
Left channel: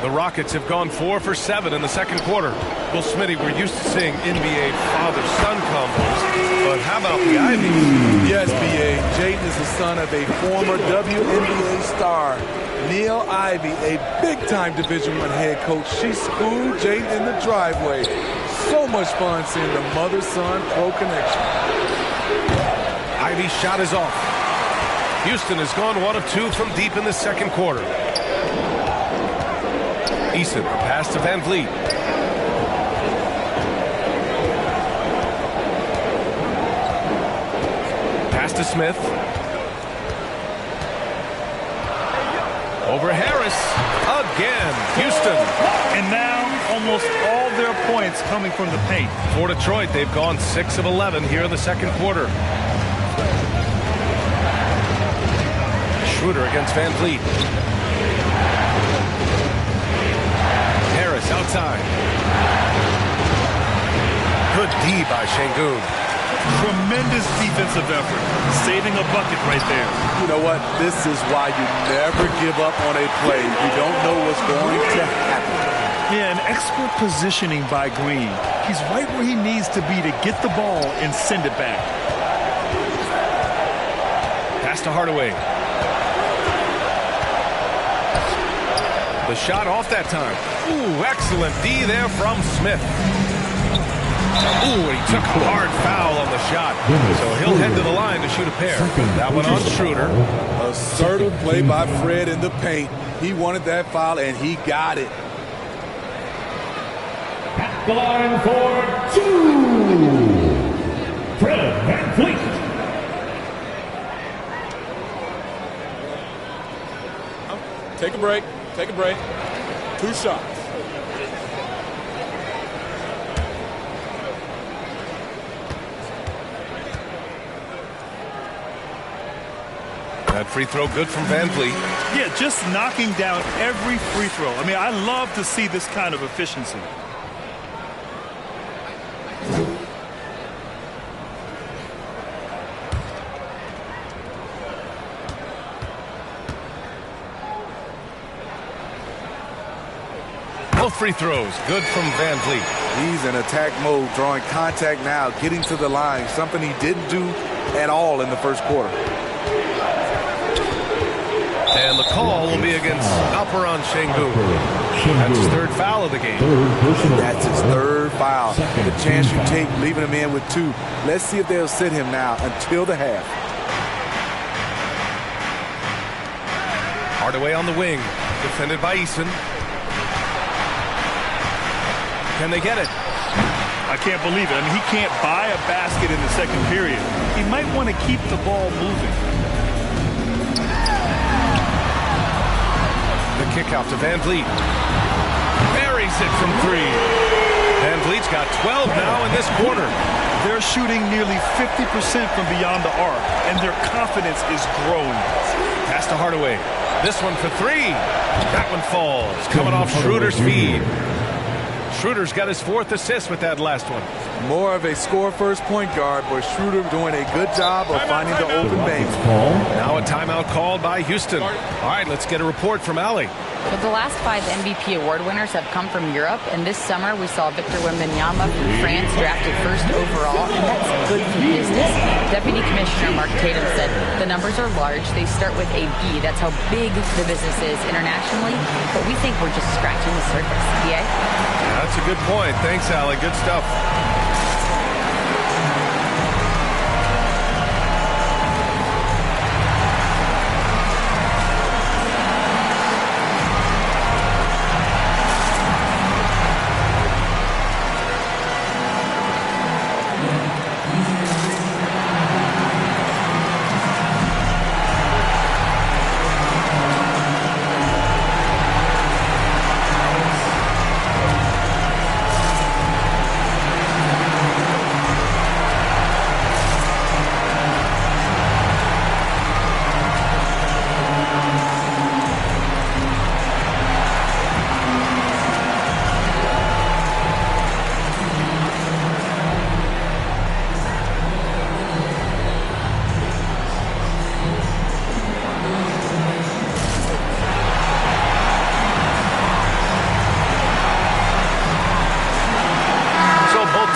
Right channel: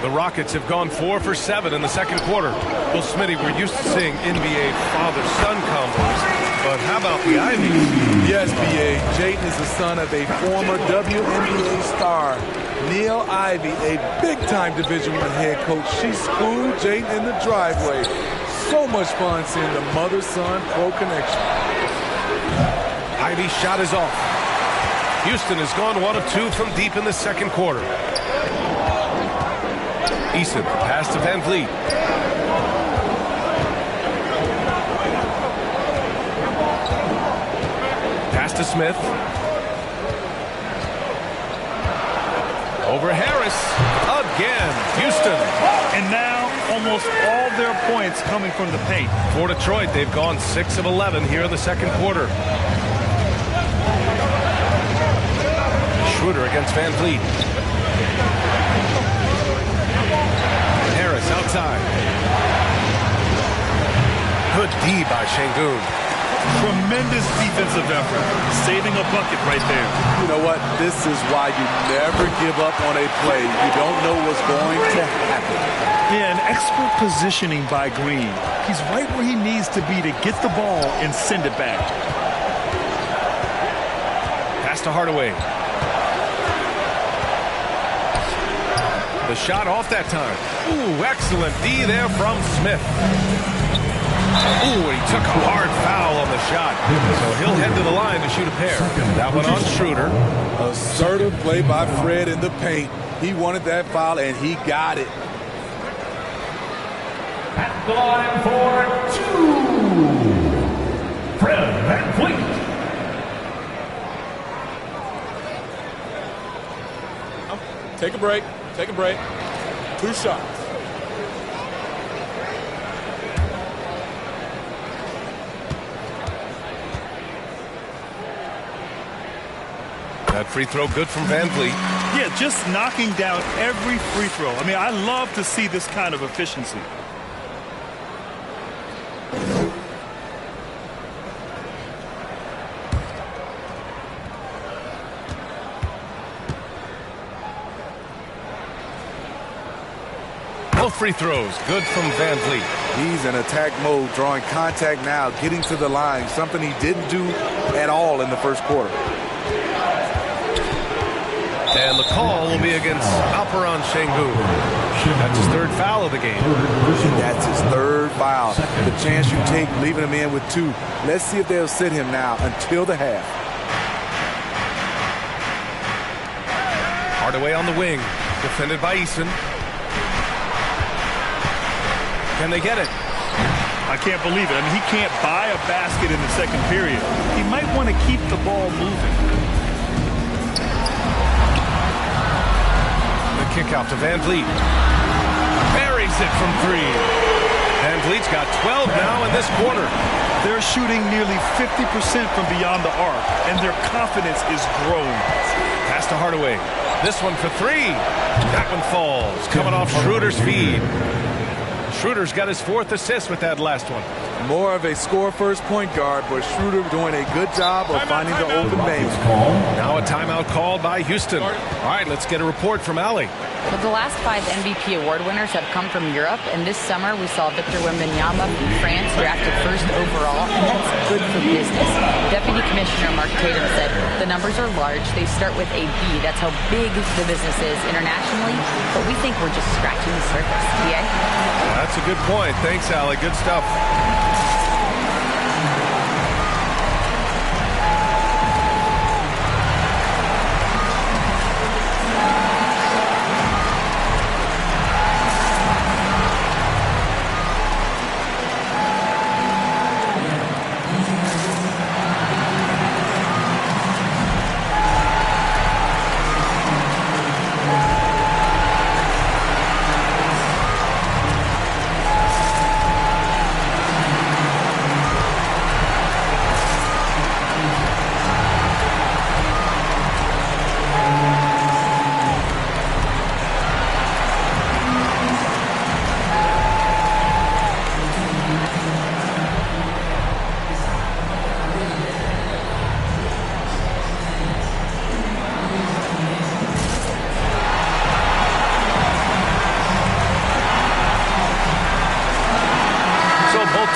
The Rockets have gone 4 for 7 in the second quarter. Well, Smitty, we're used to seeing NBA father-son combos, but how about the Ivies? Yes, B.A. Jaden is the son of a former WNBA star, Neil Ivey, a big-time Division I head coach. She schooled Jaden in the driveway. So much fun seeing the mother-son pro connection. Ivey's shot is off. Houston has gone 1 of 2 from deep in the second quarter. Eason, pass to VanVleet. Pass to Smith. Over Harris. Again, Houston. And now almost all their points coming from the paint. For Detroit, they've gone 6 of 11 here in the second quarter. Schroeder against VanVleet. Harris outside. Good D by Şengün. Tremendous defensive effort. Saving a bucket right there. You know what? This is why you never give up on a play. You don't know what's going to happen. Yeah, an expert positioning by Green. He's right where he needs to be to get the ball and send it back. Pass to Hardaway. The shot off that time. Ooh, excellent D there from Smith. Ooh, and he took a hard foul on the shot. So he'll head to the line to shoot a pair. That one on Schroeder. Assertive play by Fred in the paint. He wanted that foul, and he got it. At the line for 2, Fred VanVleet. Take a break. Take a break. 2 shots. That free throw good from Van Vliet. Yeah, just knocking down every free throw. I mean, I love to see this kind of efficiency. Both free throws good from Van Vliet. He's in attack mode, drawing contact now, getting to the line, something he didn't do at all in the first quarter. And the call will be against Alperen Sengun. That's his third foul of the game. And that's his third foul. The chance you take leaving him in with 2. Let's see if they'll sit him now until the half. Hardaway on the wing, defended by Eason. Can they get it? I can't believe it. I mean, he can't buy a basket in the second period. He might want to keep the ball moving. The kick out to Van Vliet. Buries it from 3. Van Vliet's got 12 now in this quarter. They're shooting nearly 50% from beyond the arc, and their confidence is growing. Pass to Hardaway. This one for 3. That one falls. Coming off Schroeder's feed. Schroeder's got his 4th assist with that last one. More of a score-first point guard, but Schroeder doing a good job of finding the open base. Now a timeout called by Houston. All right, let's get a report from Allie. Well, the last 5 MVP award winners have come from Europe, and this summer we saw Victor Wembanyama from France drafted 1st overall, and that's good for business. Deputy Commissioner Mark Tatum said the numbers are large. They start with a B. That's how big the business is internationally, but we think we're just scratching the surface. PA? Yeah, that's a good point. Thanks, Allie. Good stuff.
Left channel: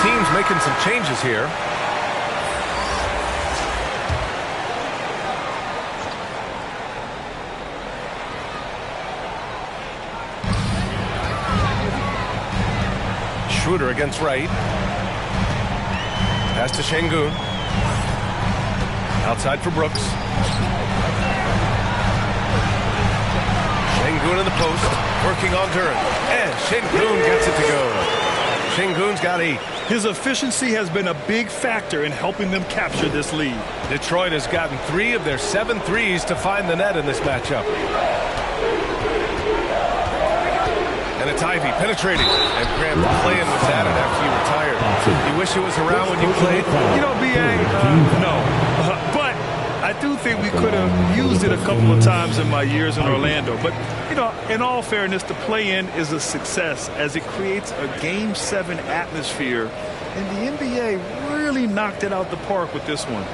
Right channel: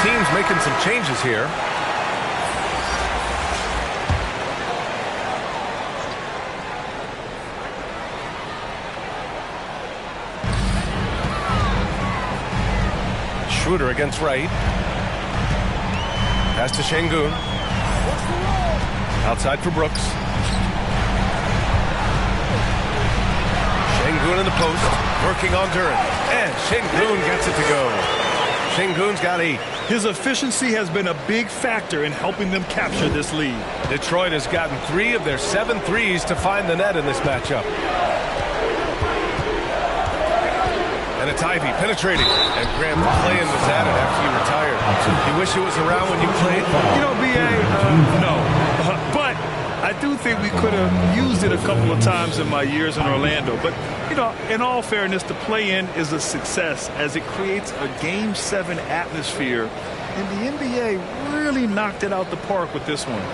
Teams making some changes here. Schroeder against Wright. Pass to Sengun. Outside for Brooks. Sengun in the post. Working on Duren. And Sengun gets it to go. Sengun's got 8. His efficiency has been a big factor in helping them capture this lead. Detroit has gotten 3 of their 7 threes to find the net in this matchup. And it's Ivy penetrating. And Graham, the play-in was added after you retired. You wish it was around when you played? You know, B.A., no. But I do think we could have used it a couple of times in my years in Orlando. But, you know, in all fairness, the play-in is a success as it creates a Game 7 atmosphere. And the NBA really knocked it out the park with this one.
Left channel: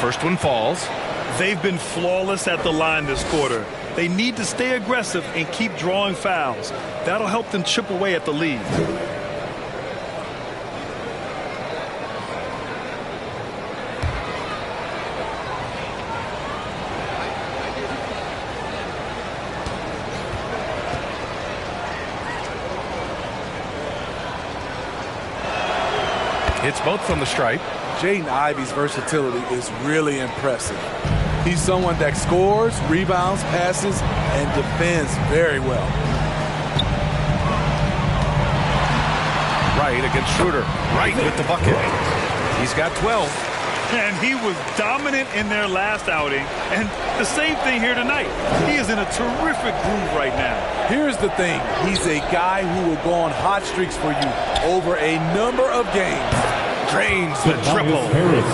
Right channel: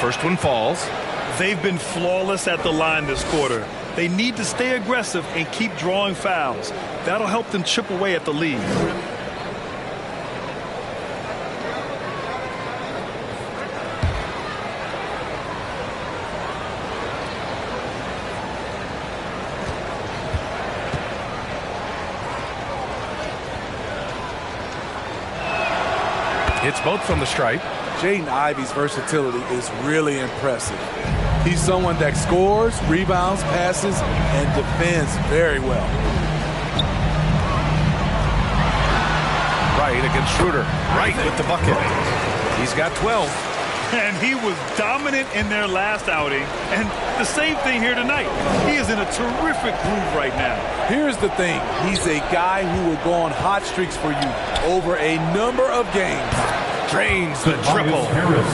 First one falls. They've been flawless at the line this quarter. They need to stay aggressive and keep drawing fouls. That'll help them chip away at the lead. Hits both from the stripe. Jaden Ivey's versatility is really impressive. He's someone that scores, rebounds, passes, and defends very well. Wright against Schroeder. Wright with the bucket. He's got 12. And he was dominant in their last outing. And the same thing here tonight. He is in a terrific groove right now. Here's the thing. He's a guy who will go on hot streaks for you over a number of games. Drains the triple.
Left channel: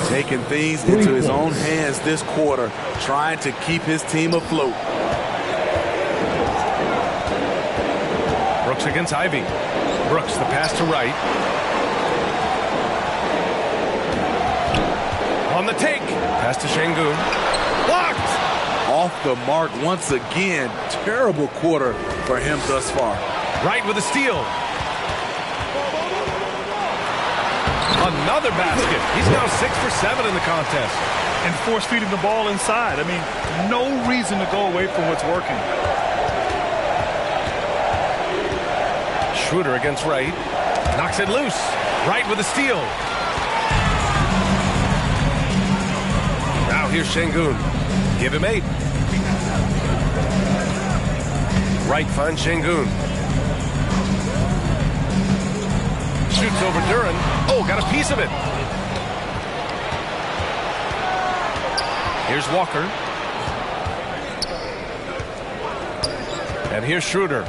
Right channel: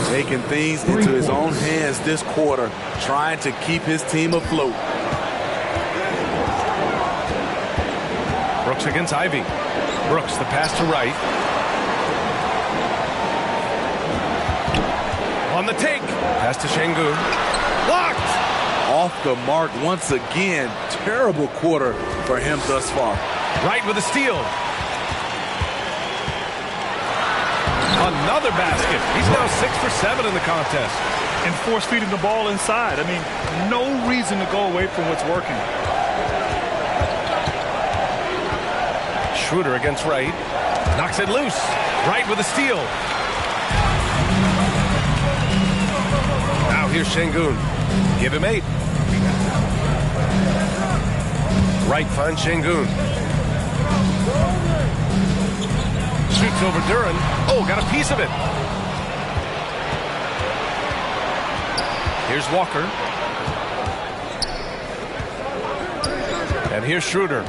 Taking things into his own hands this quarter, trying to keep his team afloat. Brooks against Ivy. Brooks, the pass to Wright. On the take. Pass to Şengün. Blocked. Off the mark once again. Terrible quarter for him thus far. Wright with a steal. Another basket. He's now 6 for 7 in the contest. And force feeding the ball inside. I mean, no reason to go away from what's working. Schroeder against Wright. Knocks it loose. Wright with a steal. Now here's Şengün. Give him 8. Wright finds Şengün. Shoots over Duren. Oh, got a piece of it. Here's Walker. And here's Schroeder.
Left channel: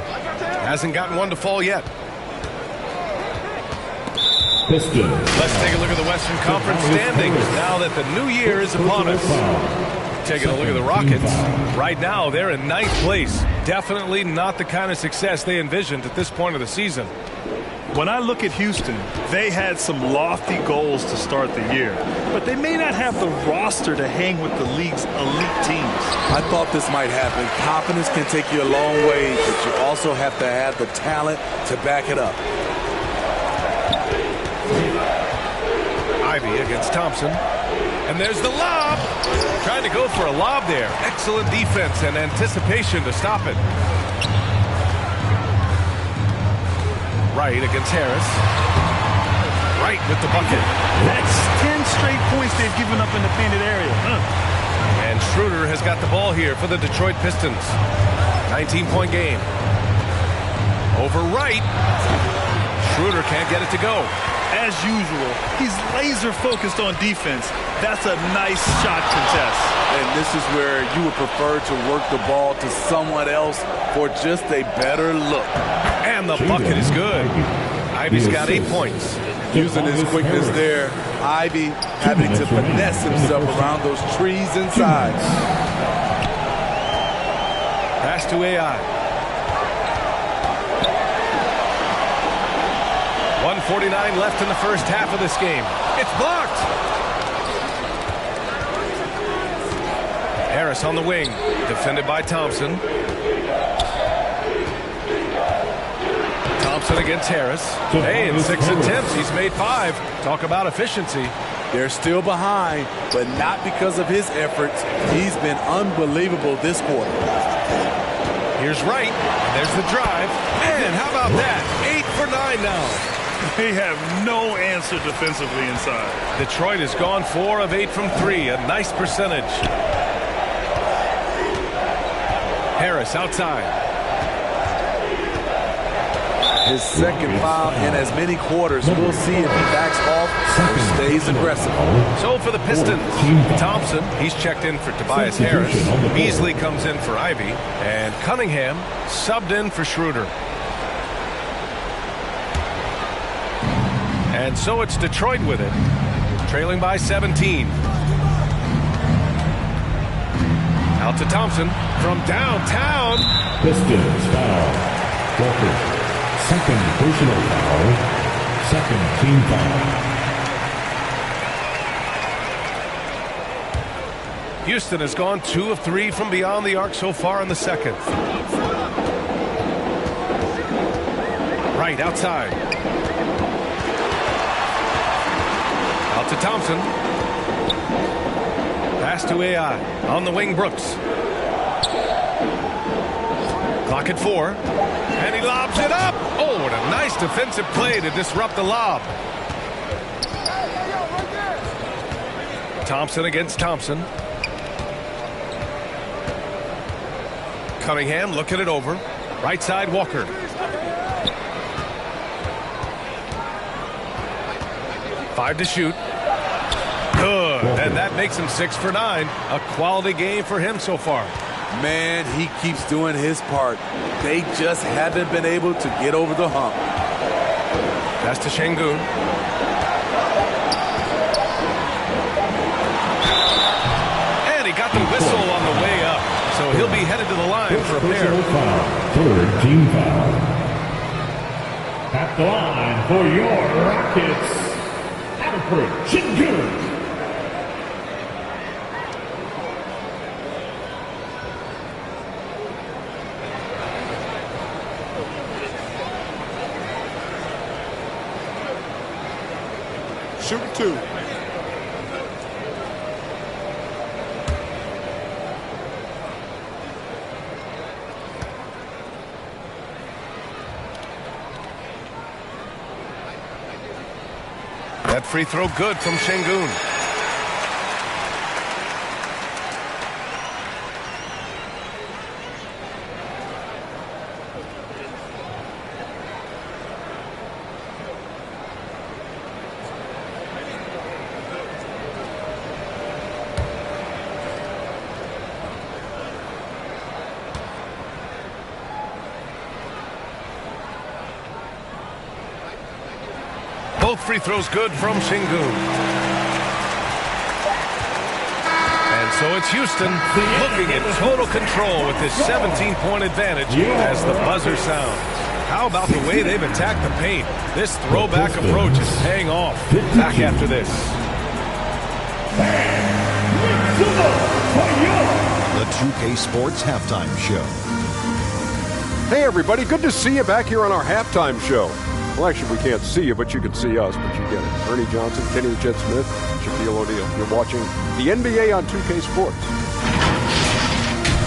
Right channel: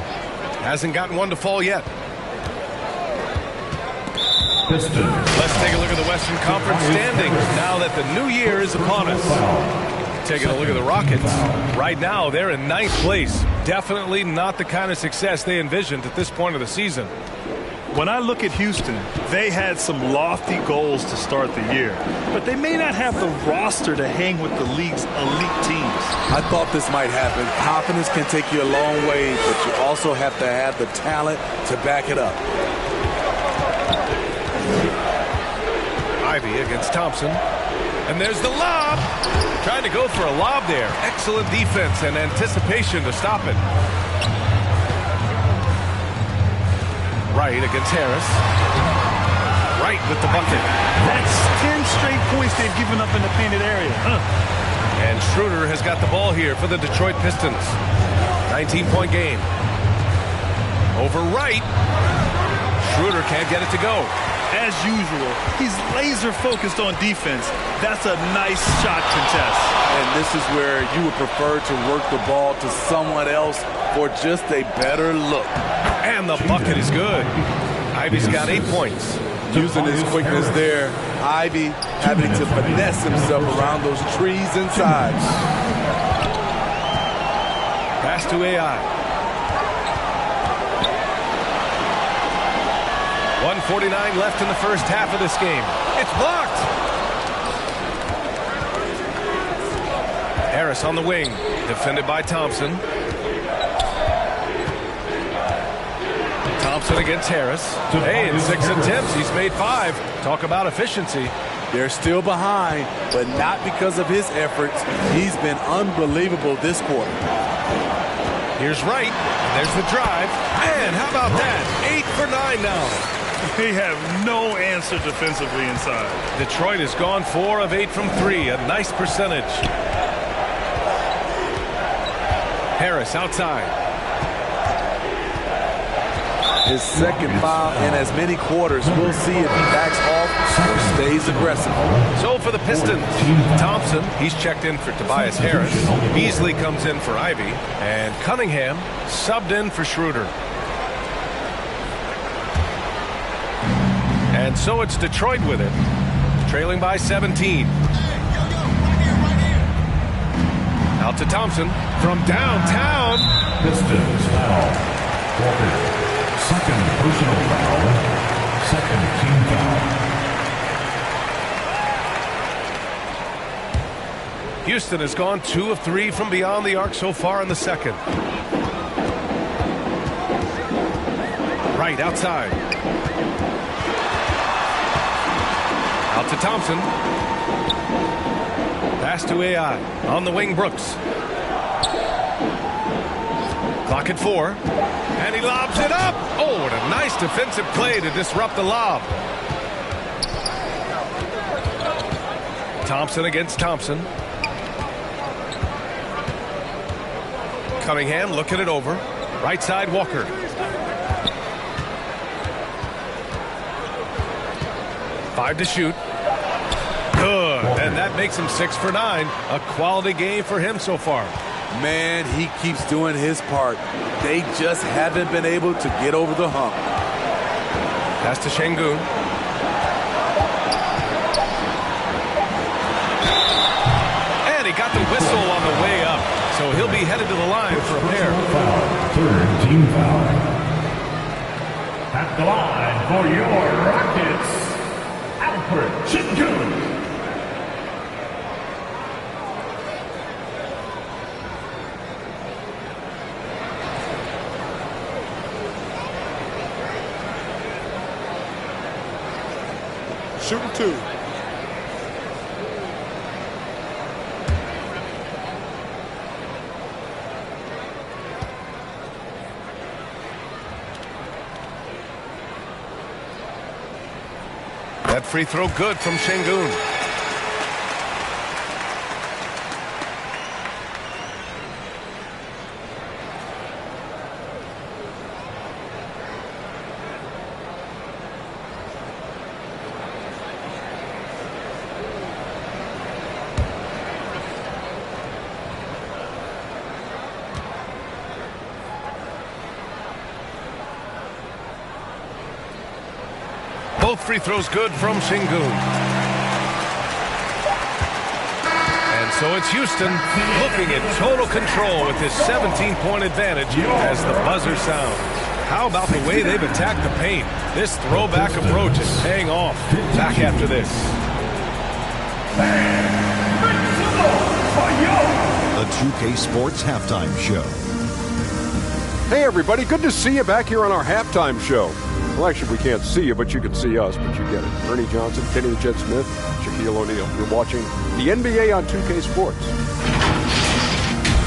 Hasn't gotten one to fall yet. Pistons. Let's take a look at the Western Conference standings now that the new year is upon us. Taking a look at the Rockets. Right now, they're in 9th place. Definitely not the kind of success they envisioned at this point of the season. When I look at Houston, they had some lofty goals to start the year, but they may not have the roster to hang with the league's elite teams. I thought this might happen. Confidence can take you a long way, but you also have to have the talent to back it up. Ivy against Thompson. And there's the lob. Trying to go for a lob there. Excellent defense and anticipation to stop it. Wright against Harris. Wright with the bucket. That's 10 straight points they've given up in the painted area. And Schroeder has got the ball here for the Detroit Pistons. 19-point game. Over Wright. Schroeder can't get it to go. As usual, he's laser focused on defense. That's a nice shot contest. And this is where you would prefer to work the ball to someone else for just a better look. And the bucket is good. Ivy's got 8 points. Using his quickness there, Ivy having to finesse himself around those trees inside. Pass to AI. 1:49 left in the first half of this game. It's blocked. Harris on the wing, defended by Thompson. Thompson against Harris. Hey, in 6 attempts, he's made 5. Talk about efficiency. They're still behind, but not because of his efforts. He's been unbelievable this quarter. Here's Wright, and there's the drive. Man, how about that? 8 for 9 now. They have no answer defensively inside. Detroit has gone 4 of 8 from 3, a nice percentage. Harris outside. His second foul in as many quarters. We'll see if he backs off or stays aggressive. So for the Pistons, Thompson, he's checked in for Tobias Harris. Beasley comes in for Ivy. And Cunningham subbed in for Schroeder. And so it's Detroit with it, trailing by 17. Out to Thompson from downtown. Pistons foul. Walker. Second personal foul. Second team foul. Houston has gone 2 of 3 from beyond the arc so far in the second. Right outside. Out to Thompson. Pass to AI. On the wing, Brooks. Clock at 4. And he lobs it up. Oh, what a nice defensive play to disrupt the lob. Thompson against Thompson. Cunningham looking it over. Right side, Walker. Five to shoot. Good. And that makes him 6 for 9. A quality game for him so far. Man, he keeps doing his part. They just haven't been able to get over the hump. Pass to Şengün. And he got the whistle on the way up. So he'll be headed to the line for a pair. Foul. Third team foul. At the line for your Rockets, Alfred Şengün. Shooting 2. That free throw good from Şengün. Both free throws good from Şengün. And so it's Houston looking in total control with this 17-point advantage as the buzzer sounds. How about the way they've attacked the paint? This throwback approach is paying off. Back after this. The 2K Sports Halftime Show. Hey, everybody. Good to see you back here on our halftime show. Well, actually, we can't see you, but you can see us, but you get it. Ernie Johnson, Kenny the Jet Smith, Shaquille O'Neal. You're watching the NBA on 2K Sports.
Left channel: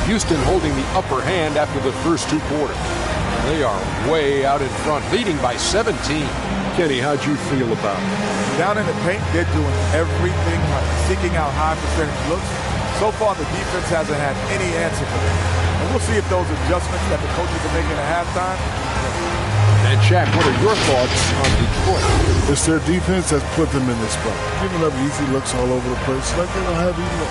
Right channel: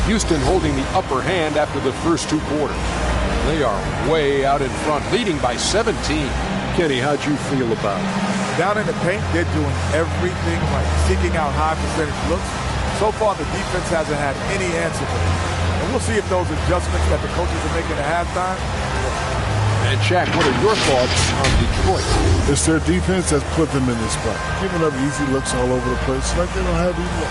Houston holding the upper hand after the first 2 quarters. They are way out in front, leading by 17. Kenny, how'd you feel about it? Down in the paint, they're doing everything right, seeking out high percentage looks. So far, the defense hasn't had any answer for them. And we'll see if those adjustments that the coaches are making at halftime. And Shaq, what are your thoughts on Detroit? It's their defense that's put them in this spot. Giving up easy looks all over the place. Like they don't have even a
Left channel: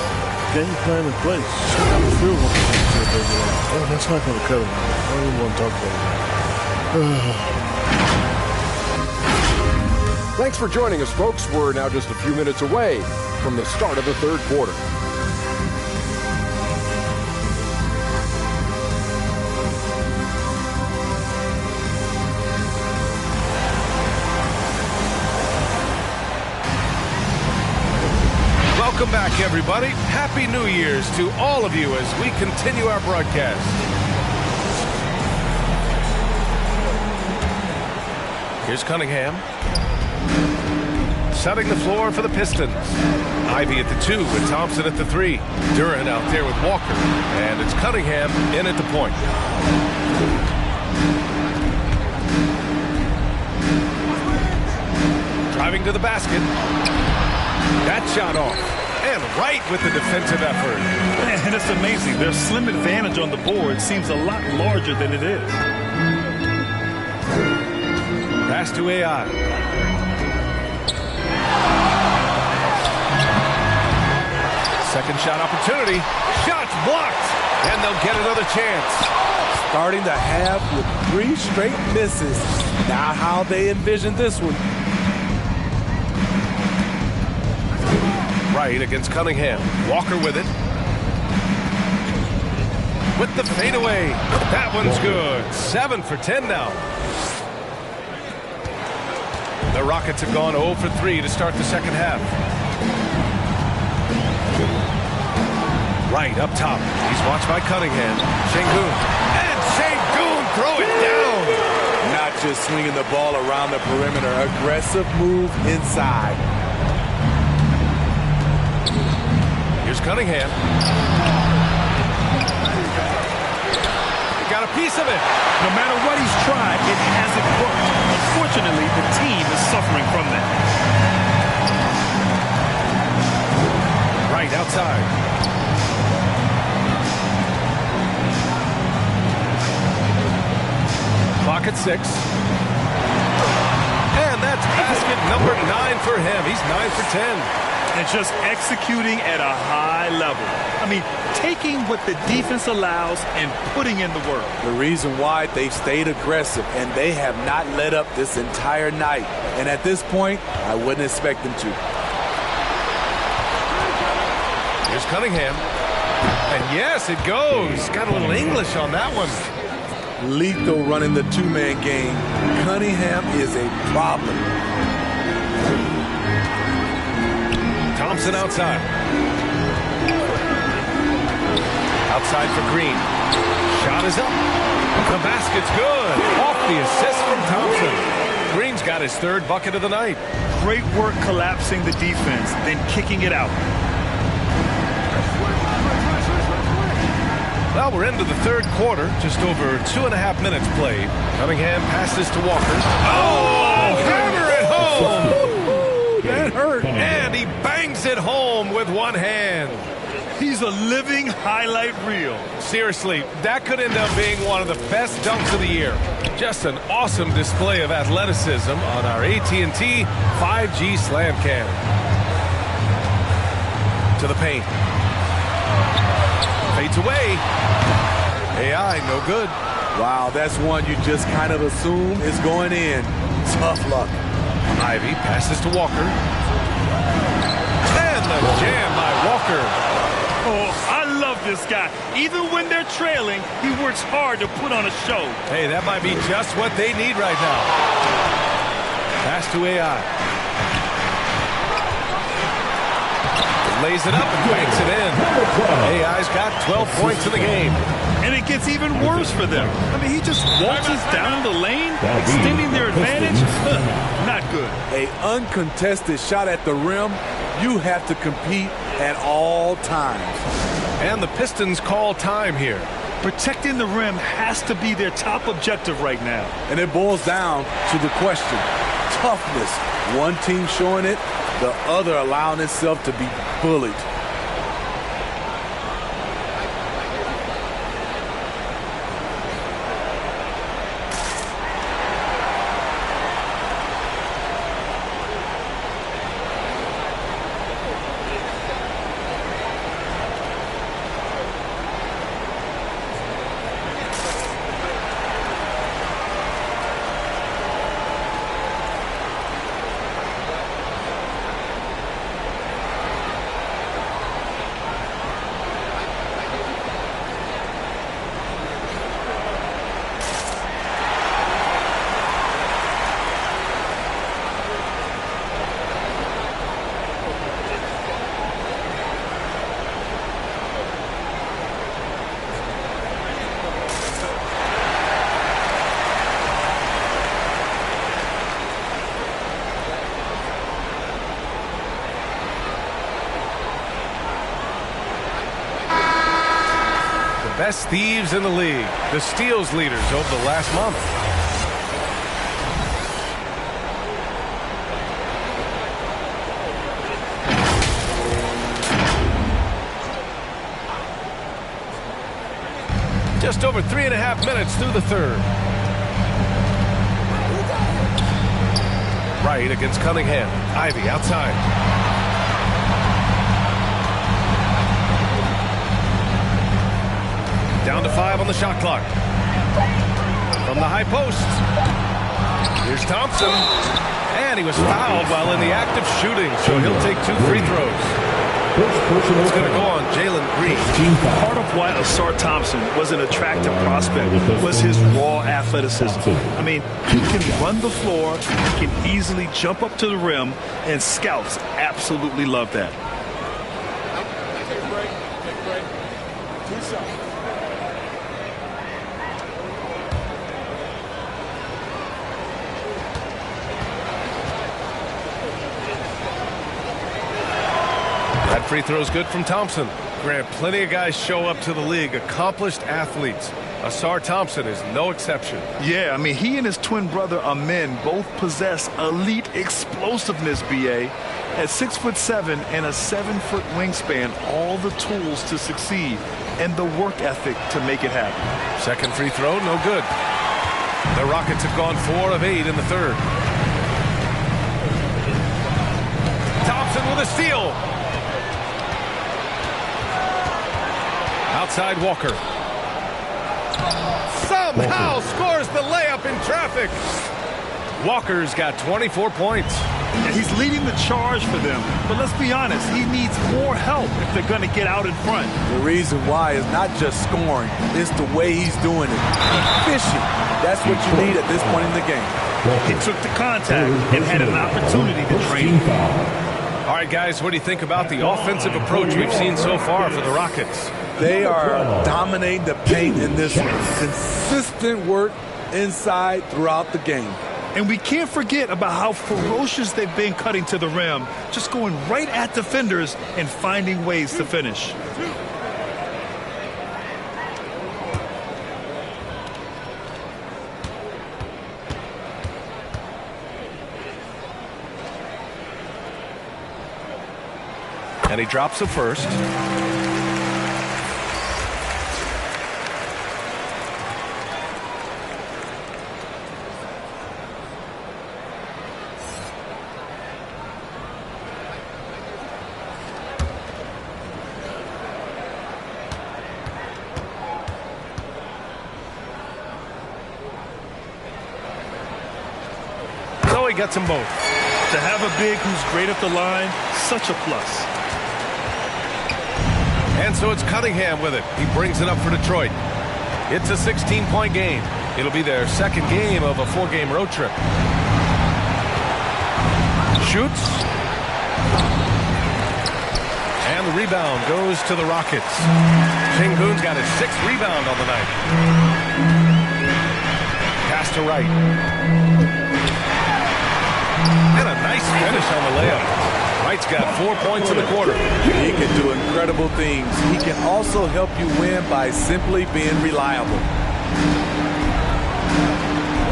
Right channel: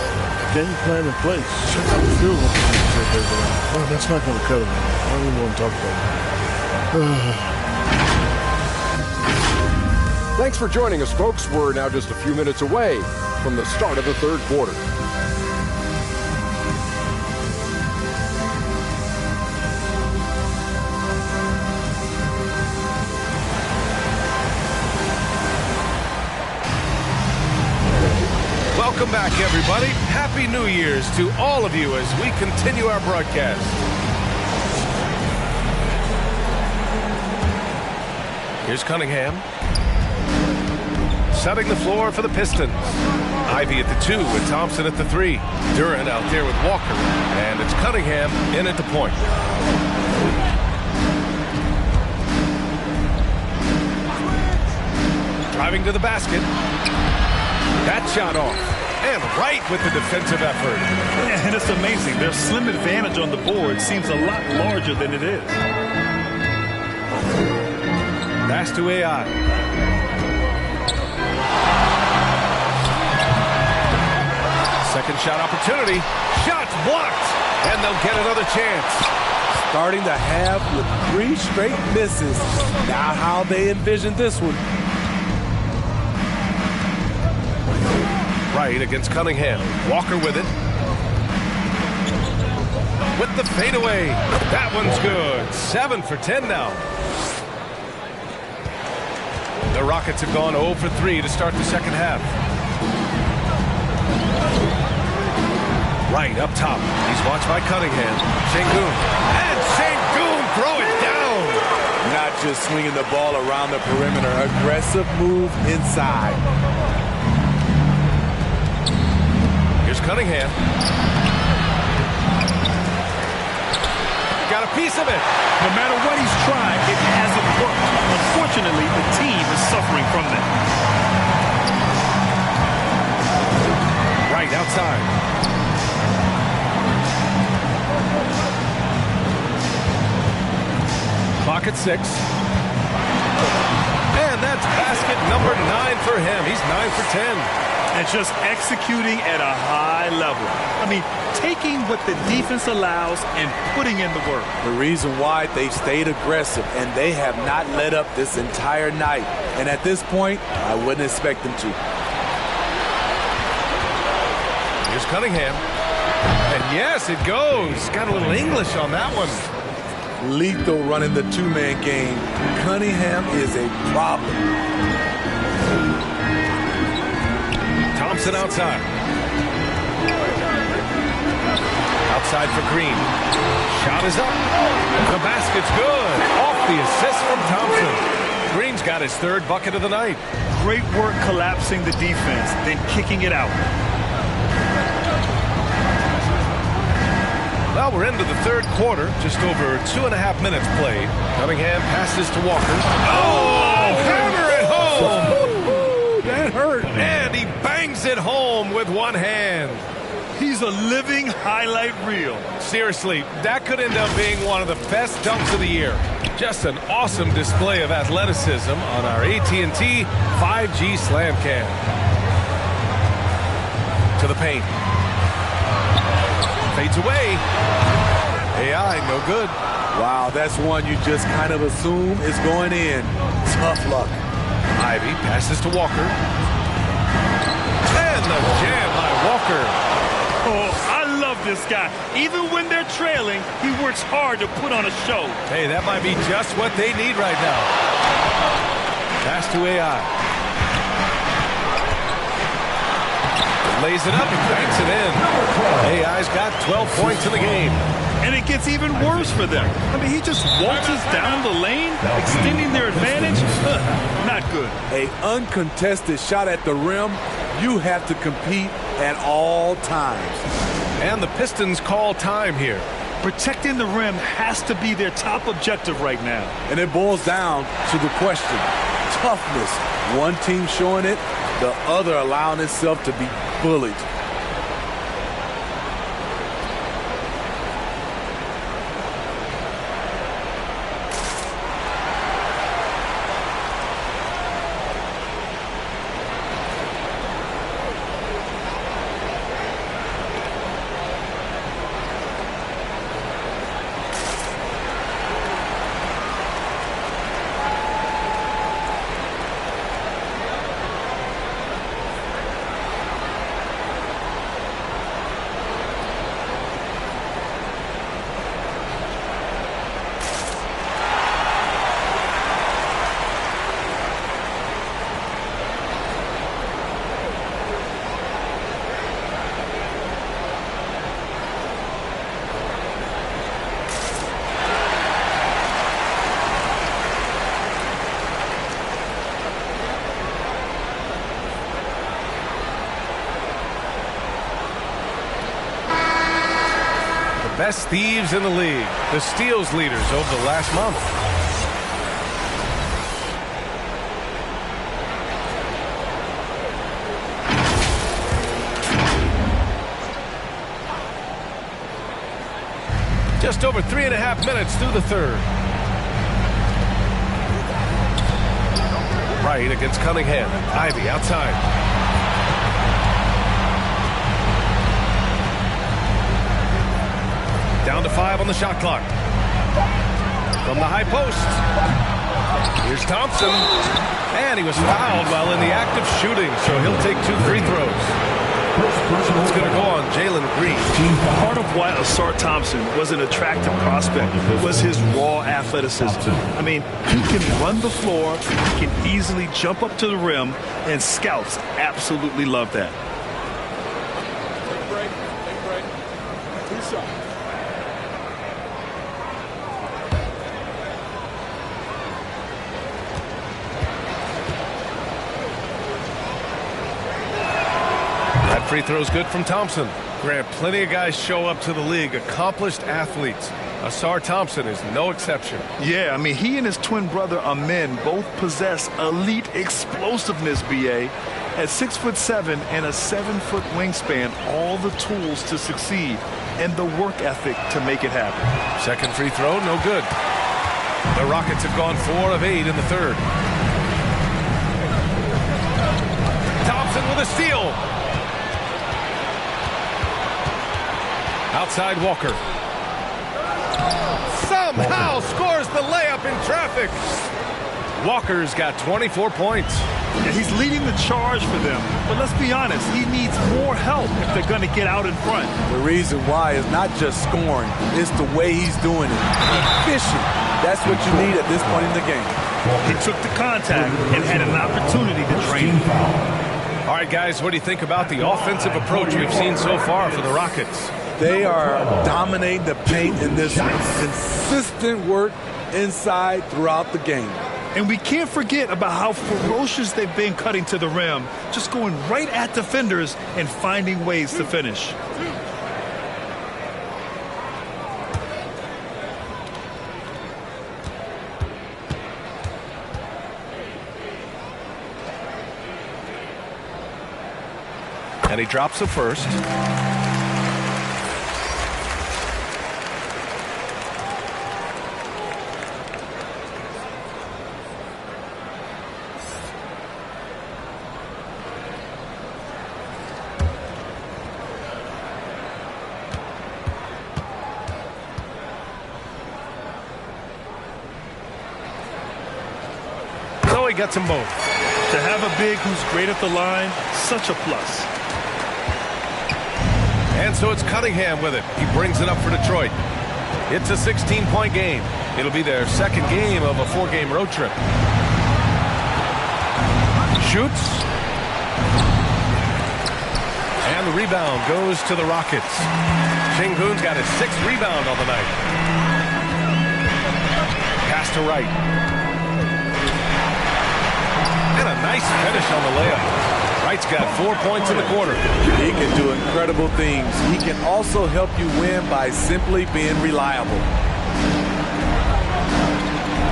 game plan in place. Check out the field goal percentage they belong. Oh, that's not going to cut it. I don't even want to talk about it. Thanks for joining us, folks. We're now just a few minutes away from the start of the third quarter. Welcome back, everybody. Happy New Year's to all of you as we continue our broadcast. Here's Cunningham. Setting the floor for the Pistons. Ivy at the 2 with Thompson at the 3. Durant out there with Walker. And it's Cunningham in at the point. Driving to the basket. That shot off. And right with the defensive effort. And it's amazing. Their slim advantage on the board seems a lot larger than it is. Pass to AI. Second shot opportunity. Shots blocked. And they'll get another chance. Starting the half with 3 straight misses. Now how they envision this one. Right against Cunningham. Walker with it. With the fadeaway. That one's good. 7 for 10 now. The Rockets have gone 0 for 3 to start the second half. Right up top. He's watched by Cunningham. Şengün. And Şengün throw it down. Not just swinging the ball around the perimeter. Aggressive move inside. Here's Cunningham. He got a piece of it. No matter what he's tried, it hasn't worked. Unfortunately, the team is suffering from that. Right outside. Clock at 6. And that's basket number 9 for him. He's 9 for 10. And just executing at a high level. I mean, taking what the defense allows and putting in the work. The reason why they stayed aggressive, and they have not let up this entire night. And at this point, I wouldn't expect them to. Here's Cunningham. And yes, it goes. Got a little English on that one. Lethal running the two-man game. Cunningham is a problem. Thompson outside. Outside for Green. Shot is up. The basket's good. Off the assist from Thompson. Green's got his third bucket of the night. Great work collapsing the defense, then kicking it out. Well, we're into the third quarter. Just over 2.5 minutes played. Cunningham passes to Walker. Oh, hammer it home. That hurt. And he bangs it home with one hand. He's a living highlight reel. Seriously, that could end up being one of the best dunks of the year. Just an awesome display of athleticism on our AT&T 5G Slam Cam. To the paint. Fades away. AI, no good. Wow, that's one you just kind of assume is going in. Tough luck. Ivy passes to Walker. And the jam by Walker. Oh, I love this guy. Even when they're trailing, he works hard to put on a show. Hey, that might be just what they need right now. Pass to AI. Lays it up and banks it in. AI's got 12 points in the game. And it gets even worse for them. I mean, he just waltzes down the lane, extending their advantage. Not good. An uncontested shot at the rim. You have to compete at all times. And the Pistons call time here. Protecting the rim has to be their top objective right now. And it boils down to the question. Toughness. One team showing it, the other allowing itself to be bullied. Best thieves in the league, the steals leaders over the last month. Just over 3.5 minutes through the third. Right against Cunningham. Ivy outside. Down to 5 on the shot clock. From the high post. Here's Thompson. And he was fouled while in the act of shooting, so he'll take 2 free throws. It's going to go on Jalen Green. Part of why Ausar Thompson was an attractive prospect was his raw athleticism. I mean, he can run the floor, he can easily jump up to the rim, and scouts absolutely love that. Take a break. Take a break. 2 shots. That free throw's good from Thompson. Grant, plenty of guys show up to the league, accomplished athletes. Ausar Thompson is no exception. Yeah, I mean, he and his twin brother Amin both possess elite explosiveness, B.A. At 6'7" and a 7-foot wingspan, all the tools to succeed and the work ethic to make it happen. Second free throw, no good. The Rockets have gone 4 of 8 in the third. Thompson with a steal. Outside Walker. Somehow scores the layup in traffic. Walker's got 24 points. Yeah, he's leading the charge for them. But let's be honest, he needs more help if they're going to get out in front. The reason why is not just scoring. It's the way he's doing it. Efficient. That's what you need at this point in the game. He took the contact and had an opportunity to train. All right, guys, what do you think about the offensive approach we've seen so far for the Rockets? They are dominating the paint in this one. Consistent work inside throughout the game. And we can't forget about how ferocious they've been cutting to the rim, just going right at defenders and finding ways to finish. And he drops the first. So he gets them both. To have a big who's great at the line, such a plus. And so it's Cunningham with it. He brings it up for Detroit. It's a 16-point game. It'll be their second game of a 4-game road trip. Shoots. And the rebound goes to the Rockets. Sengun's got his 6th rebound on the night. Pass to Wright. And a nice finish on the layup. Wright's got 4 points in the quarter. He can do incredible things. He can also help you win by simply being reliable.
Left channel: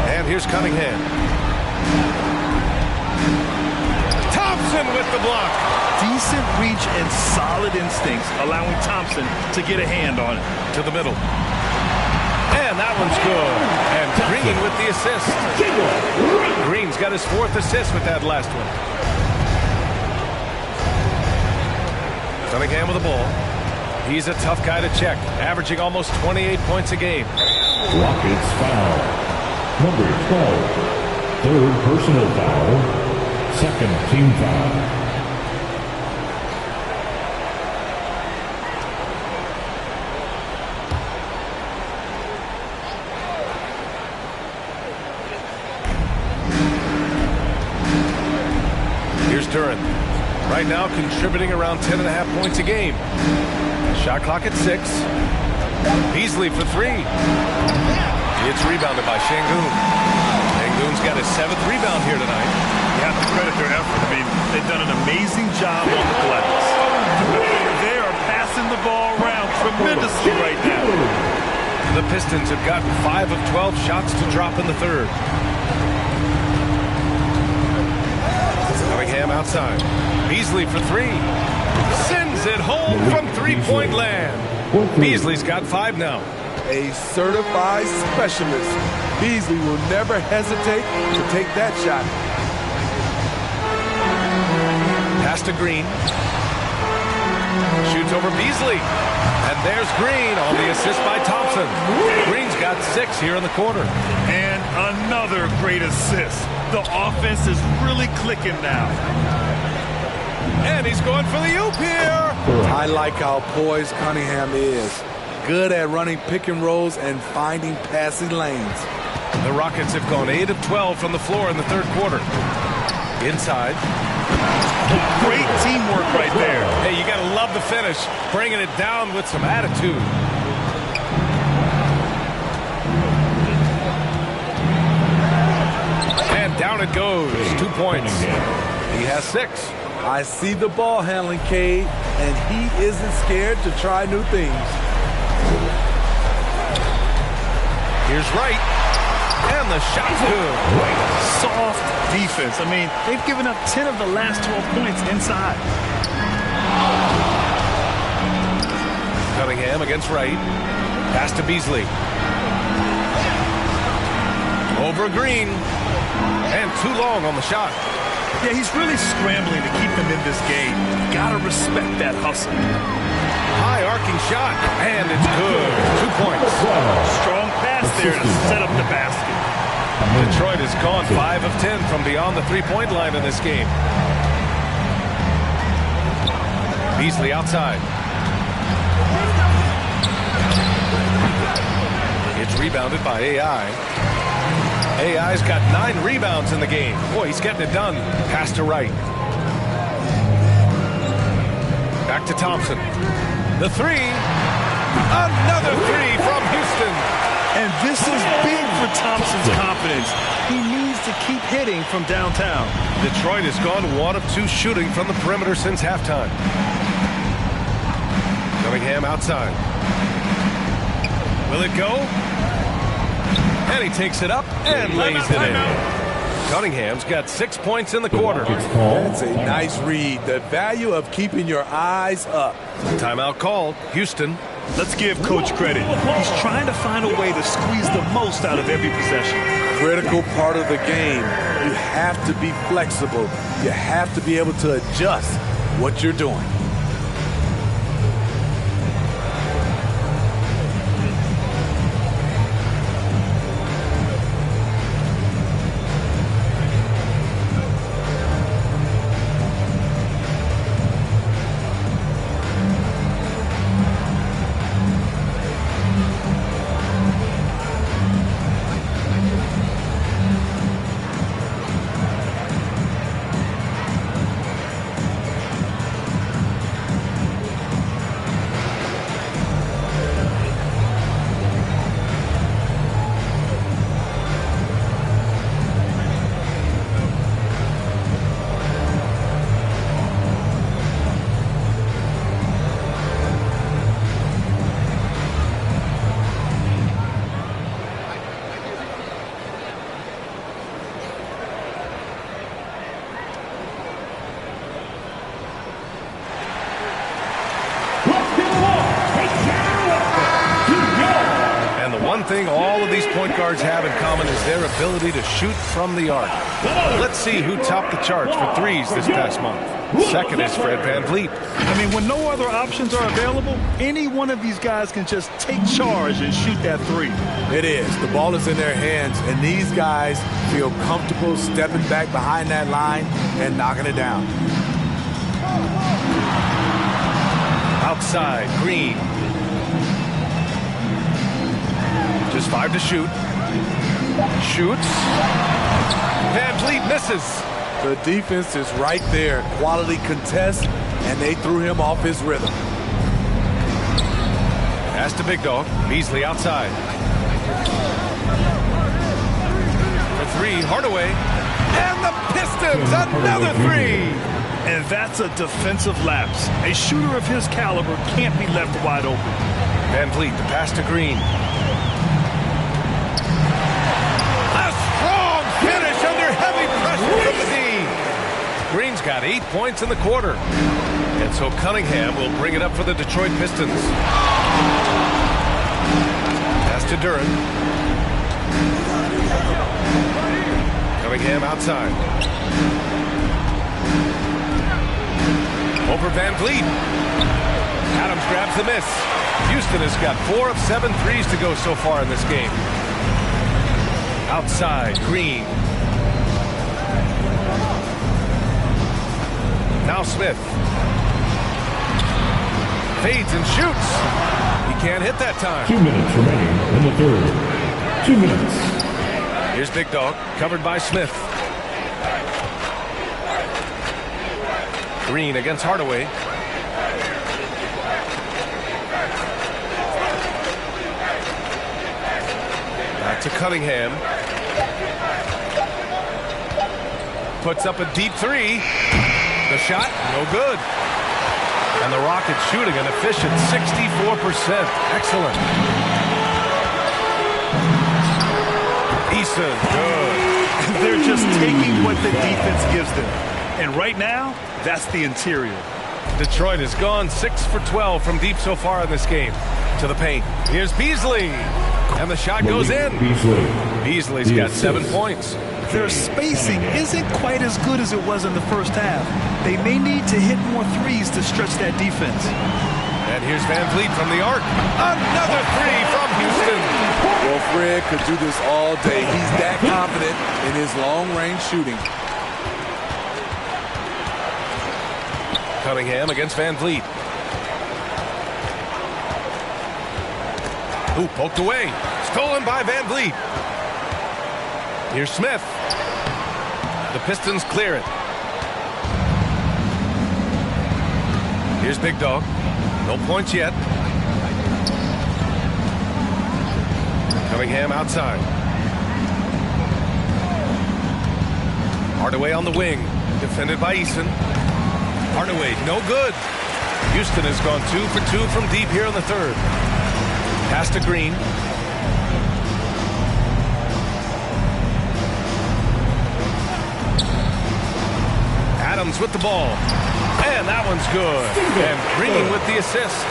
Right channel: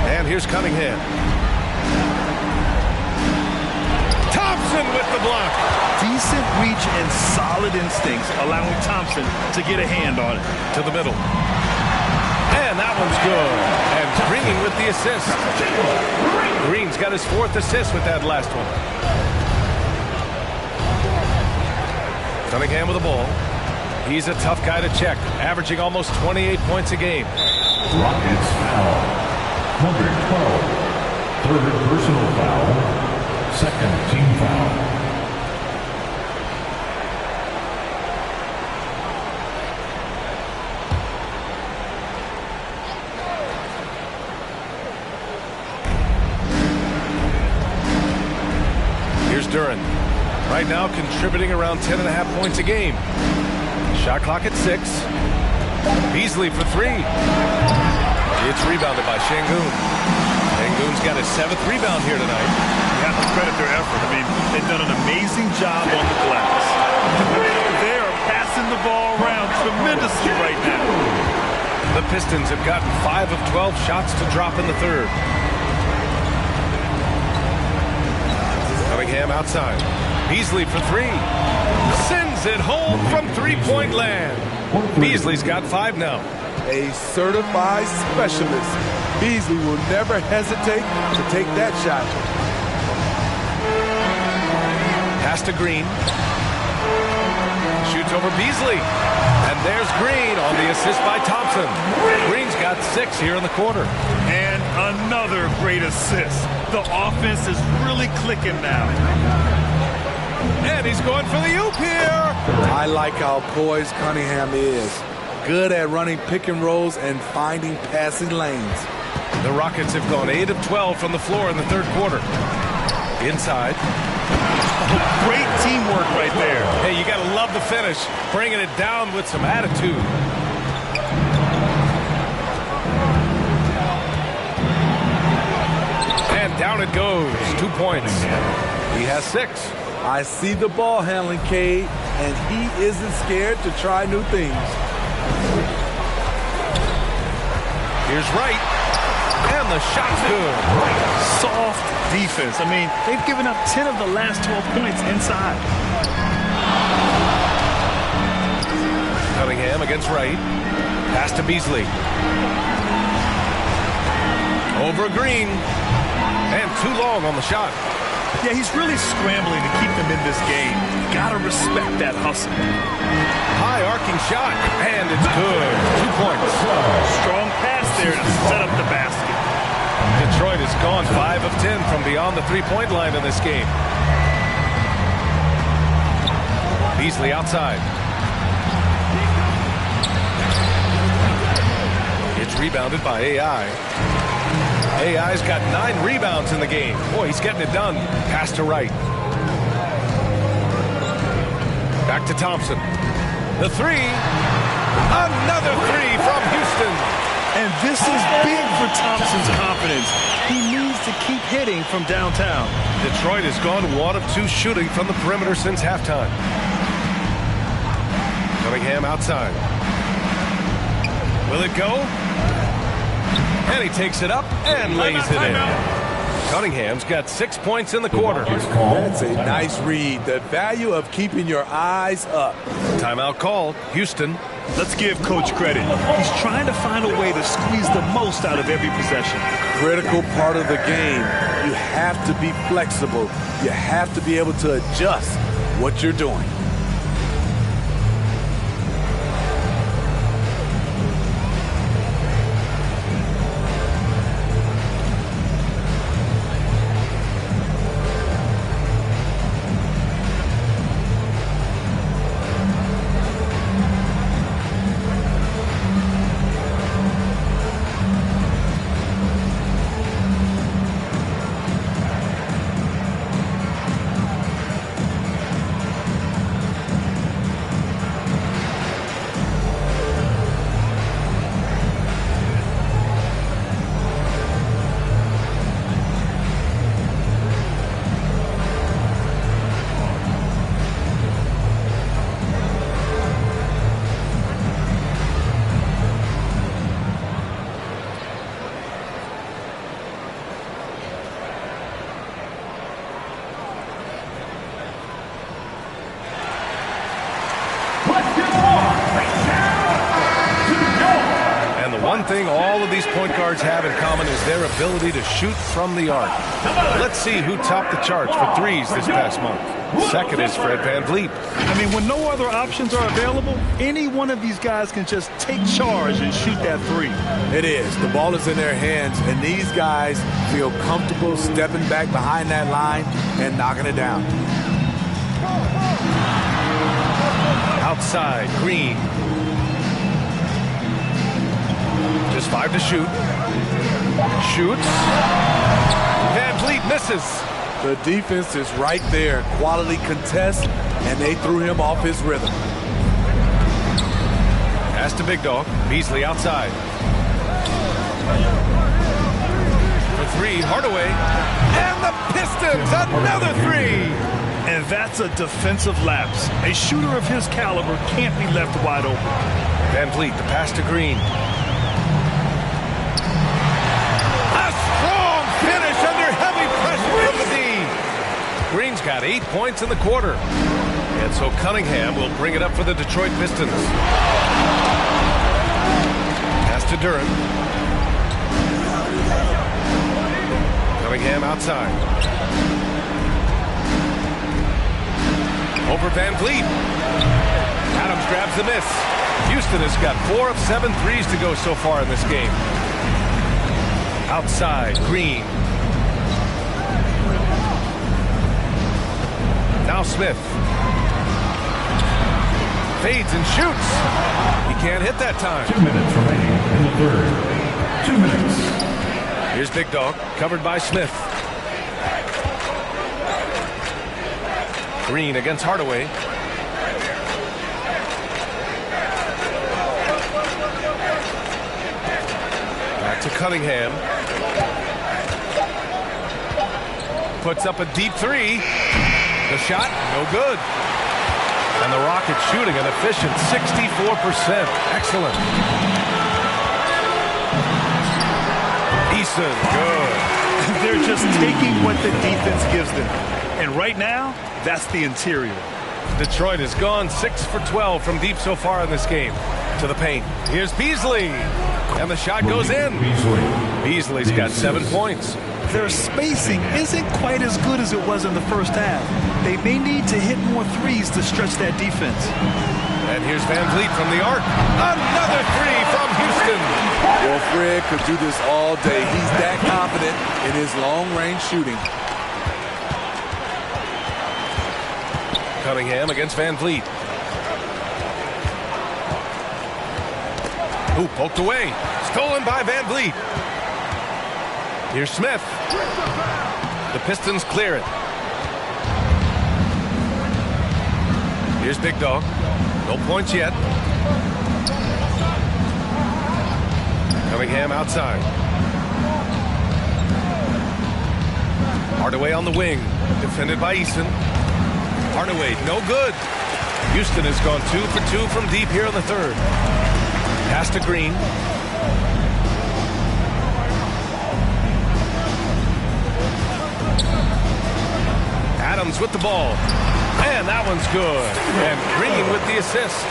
And here's Cunningham. Thompson with the block. Decent reach and solid instincts, allowing Thompson to get a hand on it. To the middle. And that one's good. And Green with the assist. Green's got his 4th assist with that last one. Cunningham with the ball. He's a tough guy to check, averaging almost 28 points a game. Rockets foul. Number 12. 3rd personal foul. 2nd team foul. Here's Duren. Right now contributing around 10.5 points a game. Shot clock at 6. Beasley for 3. It's rebounded by Sengun. Sengun's got his 7th rebound here tonight. You have to credit their effort. I mean, they've done an amazing job on the glass. They are passing the ball around tremendously right now. The Pistons have gotten 5 of 12 shots to drop in the 3rd. Cunningham outside. Beasley for 3. Sends it home from 3-point land. Beasley's got 5 now. A certified specialist. Beasley will never hesitate to take that shot. Pass to Green. Shoots over Beasley. And there's Green on the assist by Thompson. Green's got 6 here in the quarter. And another great assist. The offense is really clicking now. And he's going for the oop here. I like how poised Cunningham is. Good at running pick and rolls and finding passing lanes. The Rockets have gone 8 of 12 from the floor in the 3rd quarter. Inside. Oh, great teamwork right there. Hey, you got to love the finish. Bringing it down with some attitude. And down it goes. 2 points. He has 6. I see the ball handling, Cade, and he isn't scared to try new things. Here's Wright. And the shot's good. Soft defense. I mean, they've given up 10 of the last 12 points inside. Cunningham against Wright. Pass to Beasley. Over Green. And too long on the shot. Yeah, he's really scrambling to keep them in this game. Gotta respect that hustle. High arcing shot, and it's good. 2 points. Strong pass there to set up the basket. Detroit has gone 5 of 10 from beyond the three-point line in this game. Beasley outside. It's rebounded by AI. AI's got 9 rebounds in the game. Boy, he's getting it done. Pass to Wright. Back to Thompson. The three. Another three from Houston. And this is big for Thompson's confidence. He needs to keep hitting from downtown. Detroit has gone 1 of 2 shooting from the perimeter since halftime. Cunningham outside. Will it go? And he takes it up and lays it in. Cunningham's got 6 points in the quarter. That's a nice read. The value of keeping your eyes up. Timeout called. Houston. Let's give Coach credit. He's trying to find a way to squeeze the most out of every possession. Critical part of the game. You have to be flexible. You have to be able to adjust what you're doing. And the one thing all of these point guards have in common is their ability to shoot from the arc. Let's see who topped the charts for threes this past month. Second is Fred VanVleet. I mean, when no other options are available, any one of these guys can just take charge and shoot that three. It is. The ball is in their hands, and these guys feel comfortable stepping back behind that line and knocking it down. Outside, Green. Just 5 to shoot. Shoots. VanVleet misses. The defense is right there. Quality contest, and they threw him off his rhythm. Pass to Big Dog. Beasley outside. For 3, Hardaway. And the Pistons, another 3. And that's a defensive lapse. A shooter of his caliber can't be left wide open. VanVleet, the pass to Green. A strong finish under heavy pressure from the D. Green's got 8 points in the quarter. And so Cunningham will bring it up for the Detroit Pistons. Pass to Duren. Cunningham outside. Over VanVleet. Adams grabs the miss. Houston has got 4 of 7 threes to go so far in this game. Outside, Green. Now Smith. Fades and shoots. He can't hit that time. 2 minutes remaining in the third. 2 minutes. Here's Big Dog, covered by Smith. Green against Hardaway. Back to Cunningham. Puts up a deep 3. The shot, no good. And the Rockets shooting an efficient 64%. Excellent. Eason, good. They're just taking what the defense gives them. And right now, that's the interior. Detroit has gone 6 for 12 from deep so far in this game. To the paint. Here's Beasley. And the shot goes in. Beasley's got 7 points. Their spacing isn't quite as good as it was in the first half. They may need to hit more threes to stretch that defense. And here's Van Vliet from the arc. Another three from Houston. Well, Fred could do this all day. He's that confident in his long-range shooting. Cunningham against Van Vliet. Ooh, poked away. Stolen by Van Vliet. Here's Smith. The Pistons clear it. Here's Big Dog. No points yet. Cunningham outside. Hardaway on the wing. Defended by Eason. Hardaway, no good. Houston has gone 2 for 2 from deep here in the third. Pass to Green. Adams with the ball. And that one's good. And Green with the assist.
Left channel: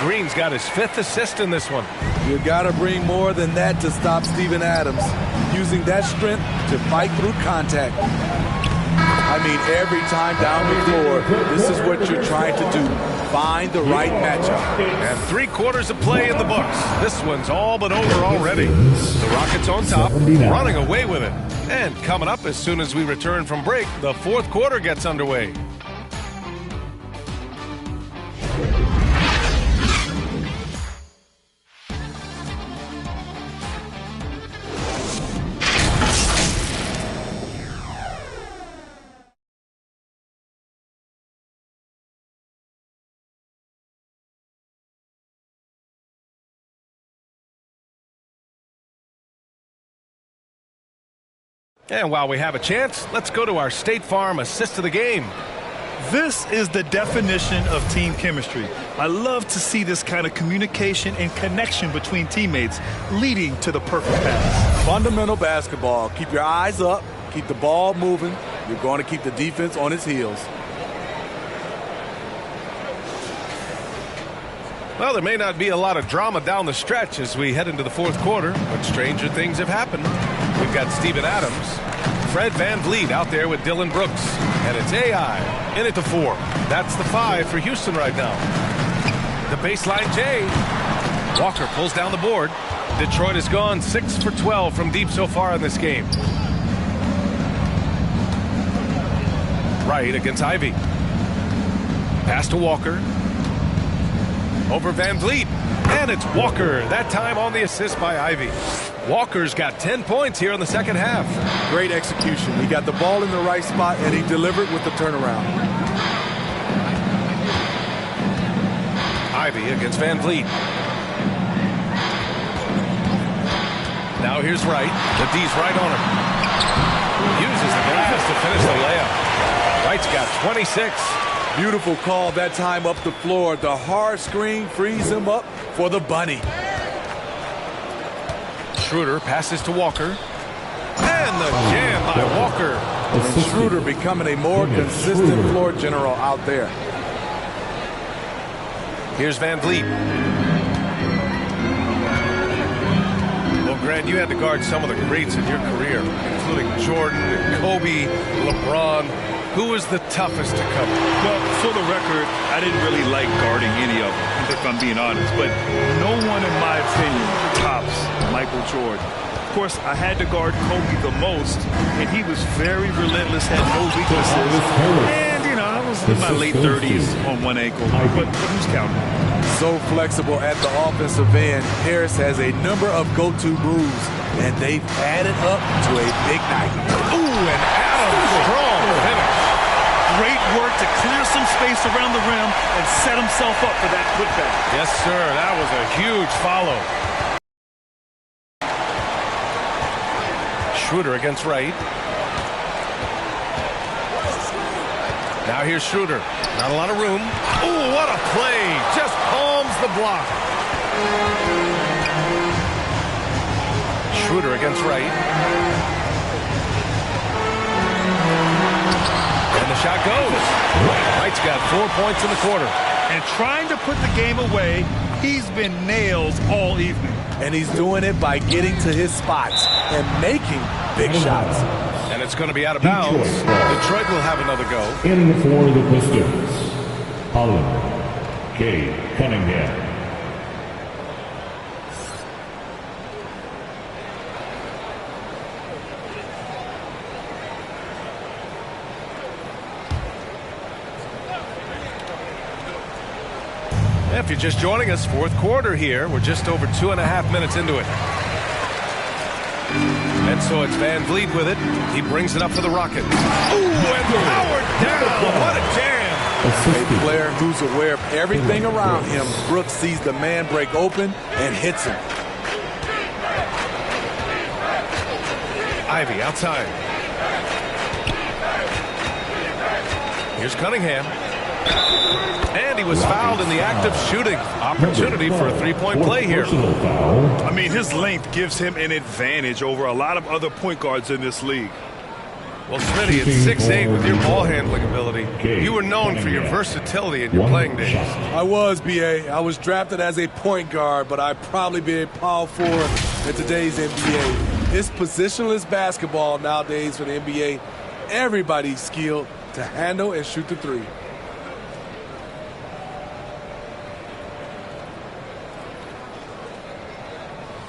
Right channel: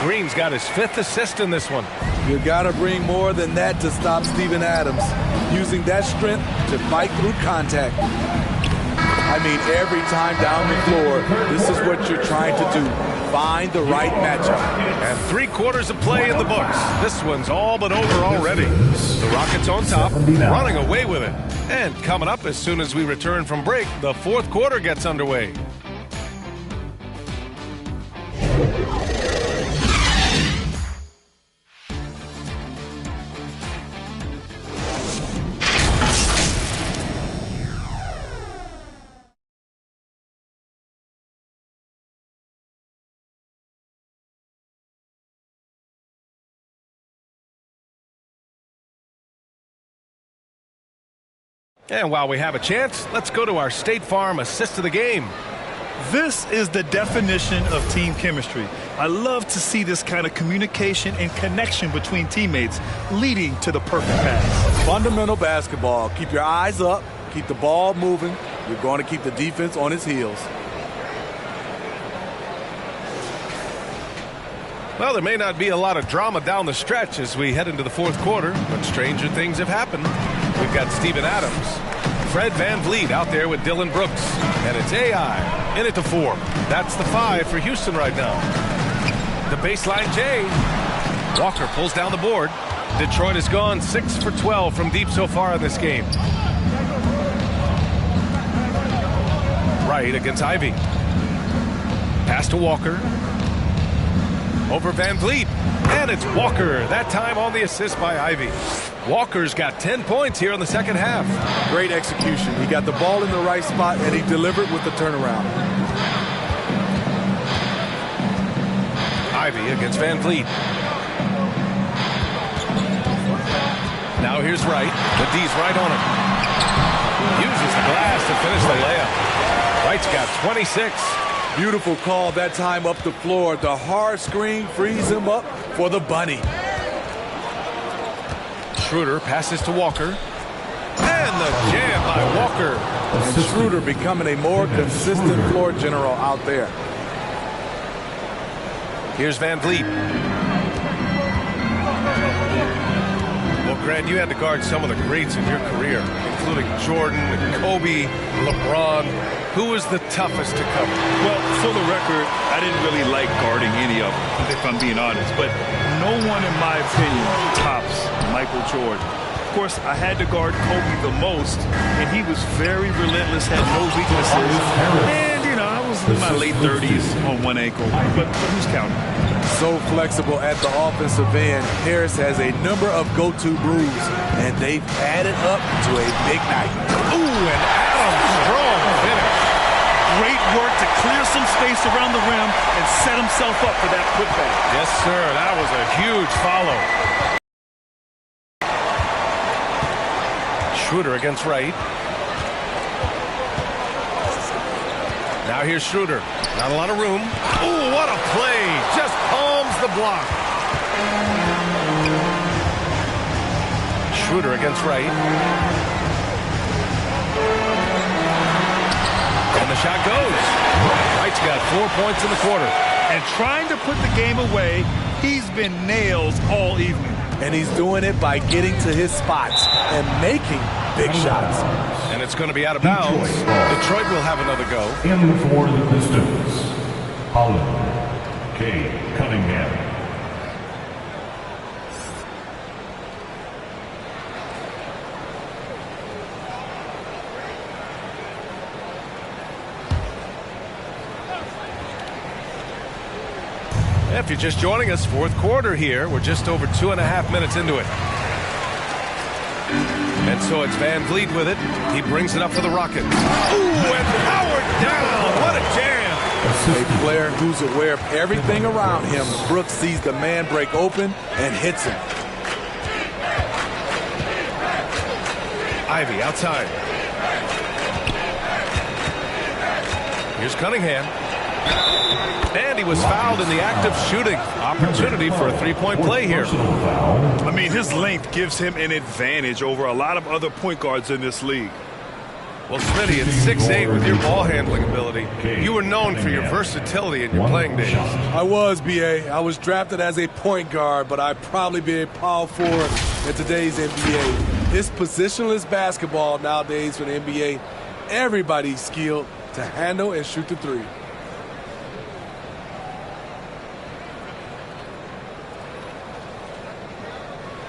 Green's got his 5th assist in this one. You got to bring more than that to stop Steven Adams. Using that strength to fight through contact. I mean, every time down the floor, this is what you're trying to do. Find the right matchup. And 3/4 of play in the books. This one's all but over already. The Rockets on top, running away with it. And coming up as soon as we return from break, the 4th quarter gets underway. And while we have a chance, let's go to our State Farm assist of the game. This is the definition of team chemistry. I love to see this kind of communication and connection between teammates leading to the perfect pass. Fundamental basketball. Keep your eyes up. Keep the ball moving. You're going to keep the defense on its heels. Well, there may not be a lot of drama down the stretch as we head into the 4th quarter, but stranger things have happened. We've got Steven Adams, Fred Van Vliet out there with Dylan Brooks, and it's AI in at the 4. That's the 5 for Houston right now. The baseline J. Walker pulls down the board. Detroit has gone 6 for 12 from deep so far in this game. Wright against Ivy. Pass to Walker. Over Van Vliet. And it's Walker, that time on the assist by Ivy. Walker's got 10 points here in the second half. Great execution. He got the ball in the right spot, and he delivered with the turnaround. Ivy against Van Vliet. Now here's Wright. The D's right on him. Uses the glass to finish the layup. Wright's got 26. Beautiful call that time up the floor. The hard screen frees him up for the bunny. Schroeder passes to Walker. And the jam by Walker. And Schroeder becoming a more consistent floor general out there. Here's Van Vliet. Well, Grant, you had to guard some of the greats in your career, including Jordan and Kobe, LeBron. Who was the toughest to cover? Well, for the record, I didn't really like guarding any of them, if I'm being honest. But no one, in my opinion, tops Michael Jordan. Of course, I had to guard Kobe the most, and he was very relentless, had no weaknesses. And, you know, I was in my late 30s on one ankle. But who's counting? So flexible at the offensive end. Harris has a number of go-to moves, and they've added up to a big night. Ooh, and Adams, strong finish. Great work to clear some space around the rim and set himself up for that putback. Yes, sir. That was a huge follow. Schroeder against Wright. Now here's Schroeder. Not a lot of room. Ooh, what a play. Just palms the block. Schroeder against Wright. And the shot goes. Wright's got 4 points in the quarter. And trying to put the game away, he's been nails all evening. And he's doing it by getting to his spots. and making big shots. And it's going to be out of bounds. Detroit will have another go. In for the Pistons, Holland K. Cunningham. If you're just joining us, fourth quarter here. We're just over 2.5 minutes into it. And so it's Van Vliet with it. He brings it up for the Rockets. Ooh, and powered down. What a jam. A player who's aware of everything around him. Brooks sees the man break open and hits him. Ivy outside. Here's Cunningham. And he was fouled in the act of shooting. Opportunity for a three-point play here. I mean, his length gives him an advantage over a lot of other point guards in this league. Well, Smitty, at 6'8", with your ball handling ability, you were known for your versatility in your playing days. I was, B.A. I was drafted as a point guard, but I'd probably be a power forward in today's NBA. It's positionless basketball nowadays for the NBA. Everybody's skilled to handle and shoot the three.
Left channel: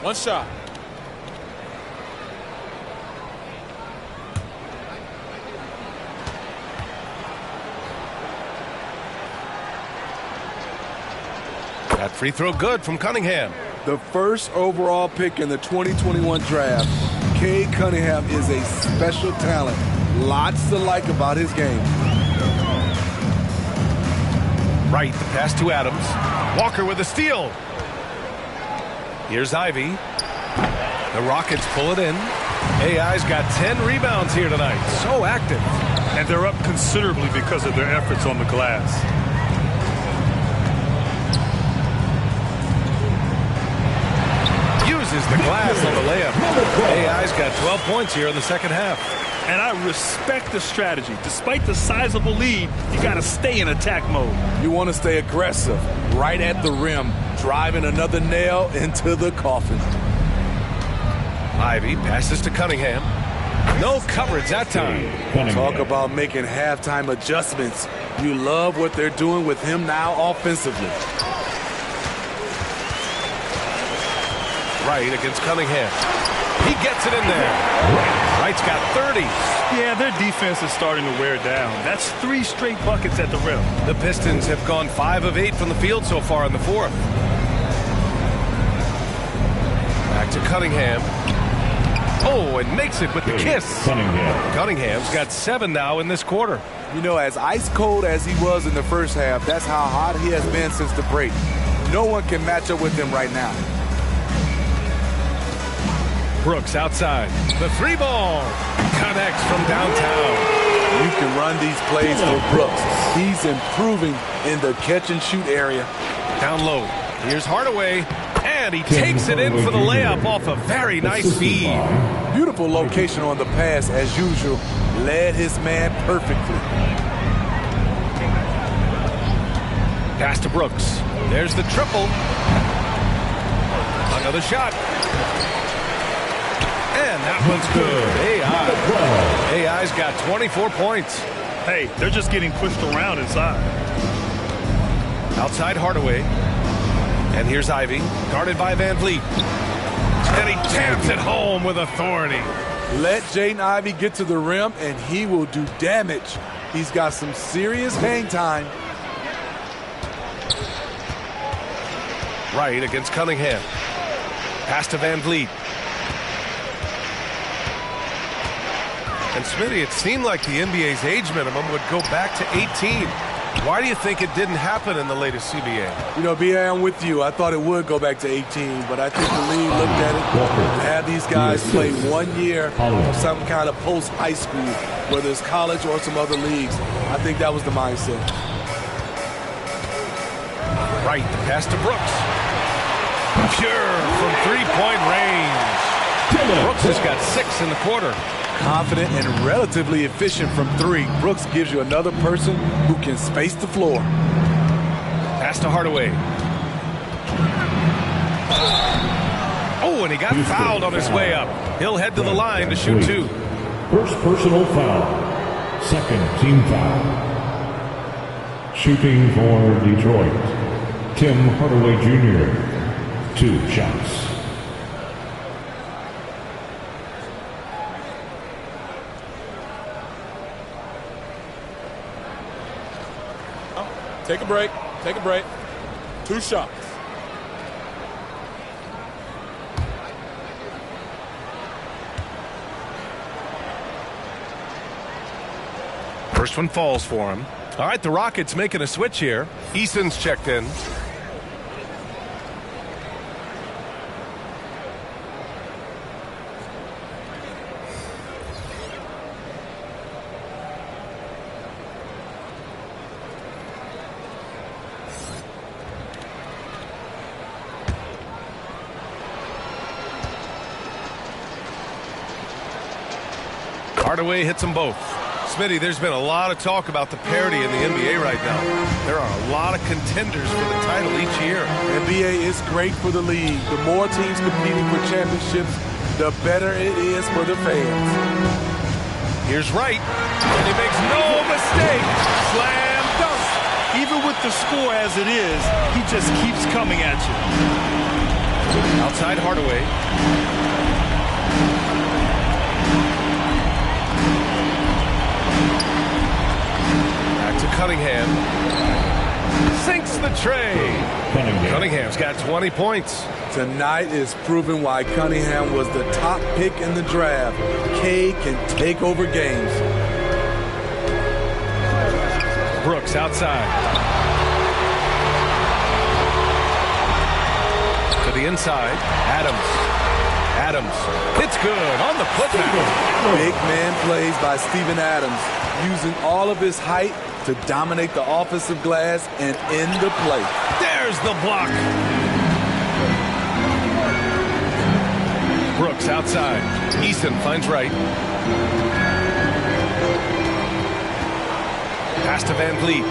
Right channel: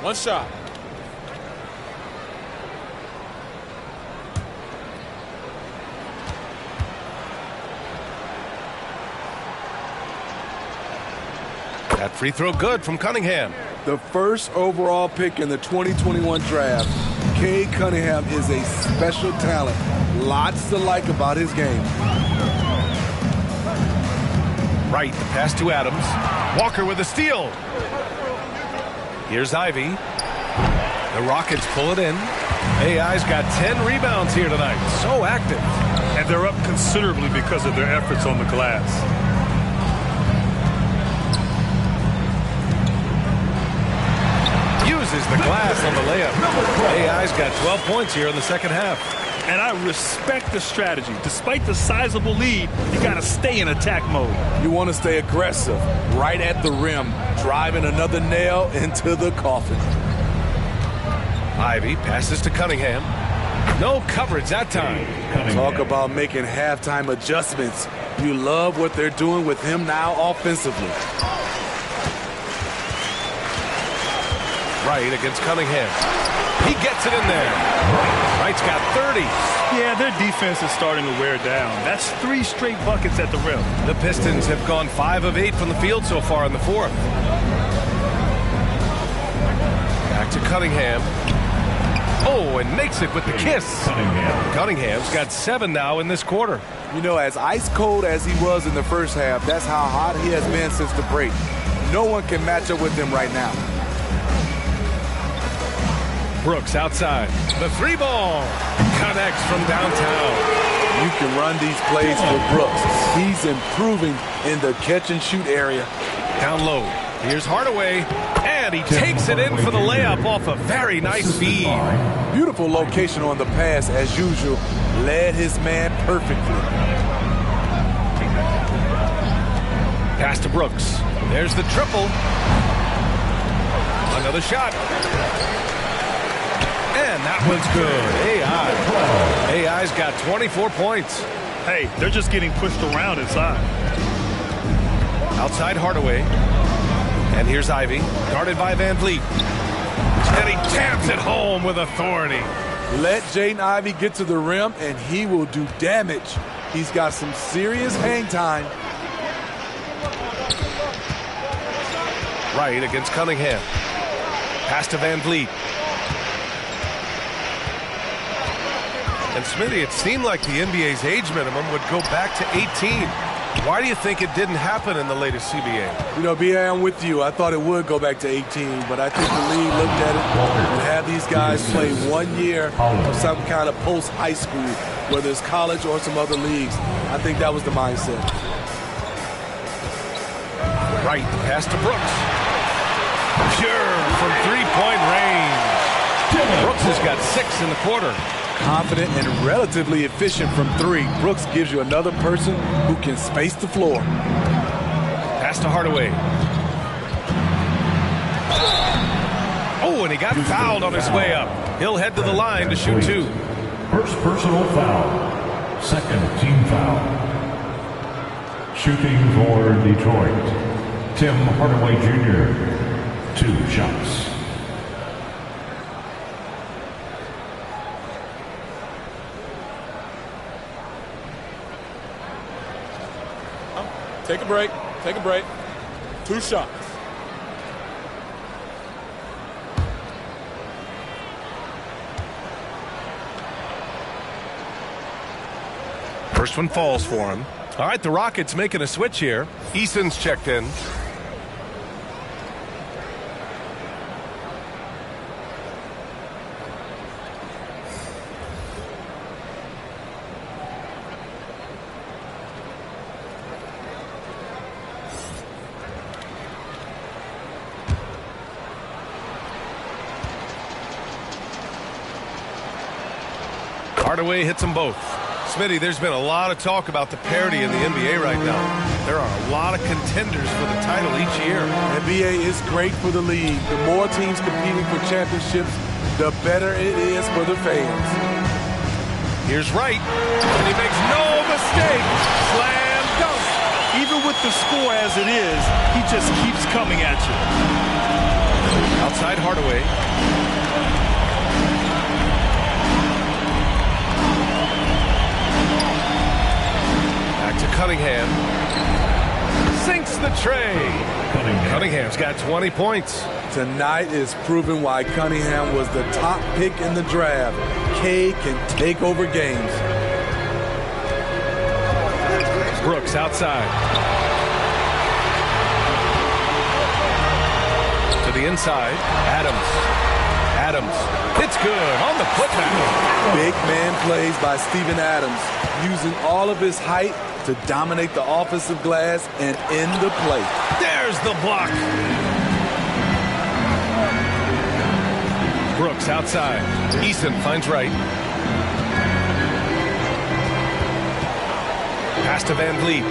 One shot. That free throw good from Cunningham. The first overall pick in the 2021 draft, Cade Cunningham is a special talent. Lots to like about his game. Right, the pass to Adams. Walker with a steal. Here's Ivy. The Rockets pull it in. AI's got 10 rebounds here tonight. So active. And they're up considerably because of their efforts on the glass. Uses the glass on the layup. AI's got 12 points here in the second half. And I respect the strategy. Despite the sizable lead, you got to stay in attack mode. You want to stay aggressive, right at the rim, driving another nail into the coffin. Ivy passes to Cunningham. No coverage that time. Talk about making halftime adjustments. You love what they're doing with him now offensively. Wright against Cunningham. He gets it in there. Wright's got 30. Yeah, their defense is starting to wear down. That's 3 straight buckets at the rim. The Pistons have gone 5 of 8 from the field so far in the fourth. Back to Cunningham. Oh, and makes it with the kiss. Cunningham's got 7 now in this quarter. You know, as ice cold as he was in the first half, that's how hot he has been since the break. No one can match up with him right now. Brooks outside. The 3-ball connects from downtown. You can run these plays for Brooks. He's improving in the catch-and-shoot area. Down low. Here's Hardaway. And he takes it in for the layup off a very nice feed. Beautiful location on the pass, as usual. Led his man perfectly. Pass to Brooks. There's the triple. Another shot. And that one's good. AI's got 24 points. Hey, they're just getting pushed around inside. Outside Hardaway. And here's Ivy, guarded by Van Vliet. And he jams it home with authority. Let Jaden Ivey get to the rim, and he will do damage. He's got some serious hang time. Wright against Cunningham. Pass to Van Vliet. And Smitty, it seemed like the NBA's age minimum would go back to 18. Why do you think it didn't happen in the latest CBA? You know, B.A., I'm with you. I thought it would go back to 18, but I think the league looked at it and had these guys play 1 year of some kind of post-high school, whether it's college or some other leagues. I think that was the mindset. Right, the pass to Brooks. Pure from three-point range. Brooks has got 6 in the quarter. Confident and relatively efficient from 3. Brooks gives you another person who can space the floor. Pass to Hardaway. Oh, and he got fouled on his way up. He'll head to the line to shoot 2. First personal foul. Second team foul. Shooting for Detroit, Tim Hardaway Jr. 2 shots. Take a break. Take a break. 2 shots. First one falls for him. All right, the Rockets making a switch here. Eason's checked in. Hardaway hits them both. Smitty, there's been a lot of talk about the parity in the NBA right now. There are a lot of contenders for the title each year. NBA is great for the league. The more teams competing for championships, the better it is for the fans. Here's Wright, and he makes no mistake. Slam dunk. Even with the score as it is, he just keeps coming at you. Outside Hardaway. Back to Cunningham. Sinks the tray. Cunningham's got 20 points. Tonight is proving why Cunningham was the top pick in the draft. K can take over games. Brooks outside. To the inside. Adams. It's good on the putback. Big man plays by Steven Adams, using all of his height to dominate the offensive glass and end the play. There's the block. Brooks outside. Eason finds Wright. Pass to Van Vliet.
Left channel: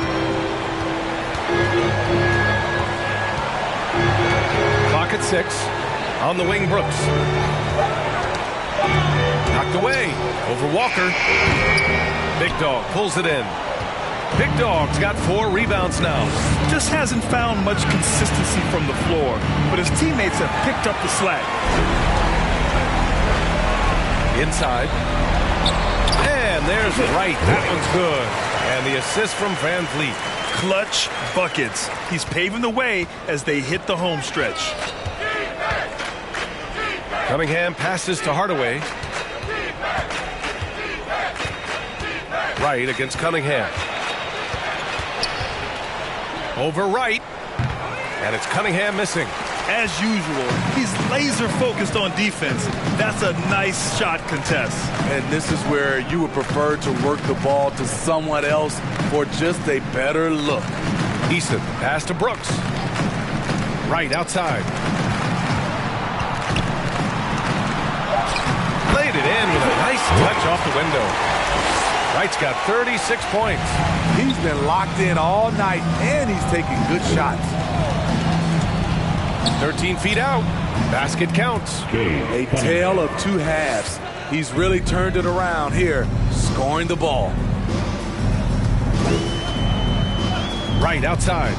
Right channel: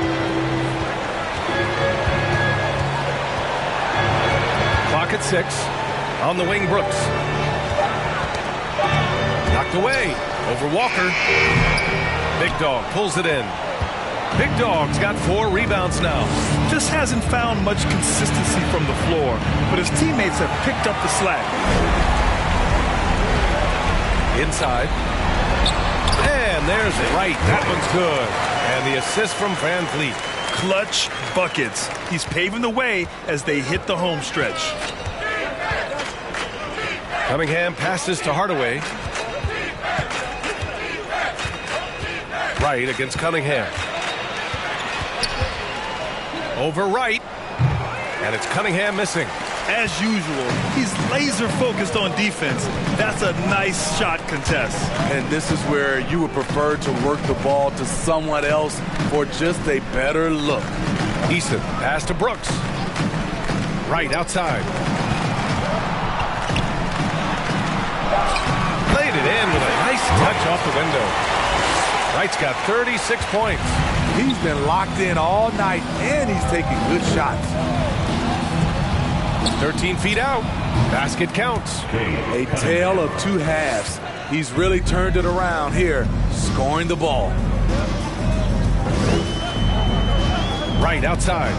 Clock at 6. On the wing, Brooks. Knocked away. Over Walker. Big Dog pulls it in. Big Dog's got 4 rebounds now. Just hasn't found much consistency from the floor, but his teammates have picked up the slack. Inside. And there's Wright. That one's good. And the assist from Van Vliet. Clutch buckets. He's paving the way as they hit the home stretch. Cunningham passes to Hardaway. Wright against Cunningham. Over Wright. And it's Cunningham missing. As usual, he's laser focused on defense. That's a nice shot contest. And this is where you would prefer to work the ball to someone else for just a better look. Eason, pass to Brooks. Wright outside. Laid it in with a nice touch off the window. Wright's got 36 points. He's been locked in all night, and he's taking good shots. 13 feet out. Basket counts. A tale of 2 halves. He's really turned it around here, scoring the ball. Wright outside.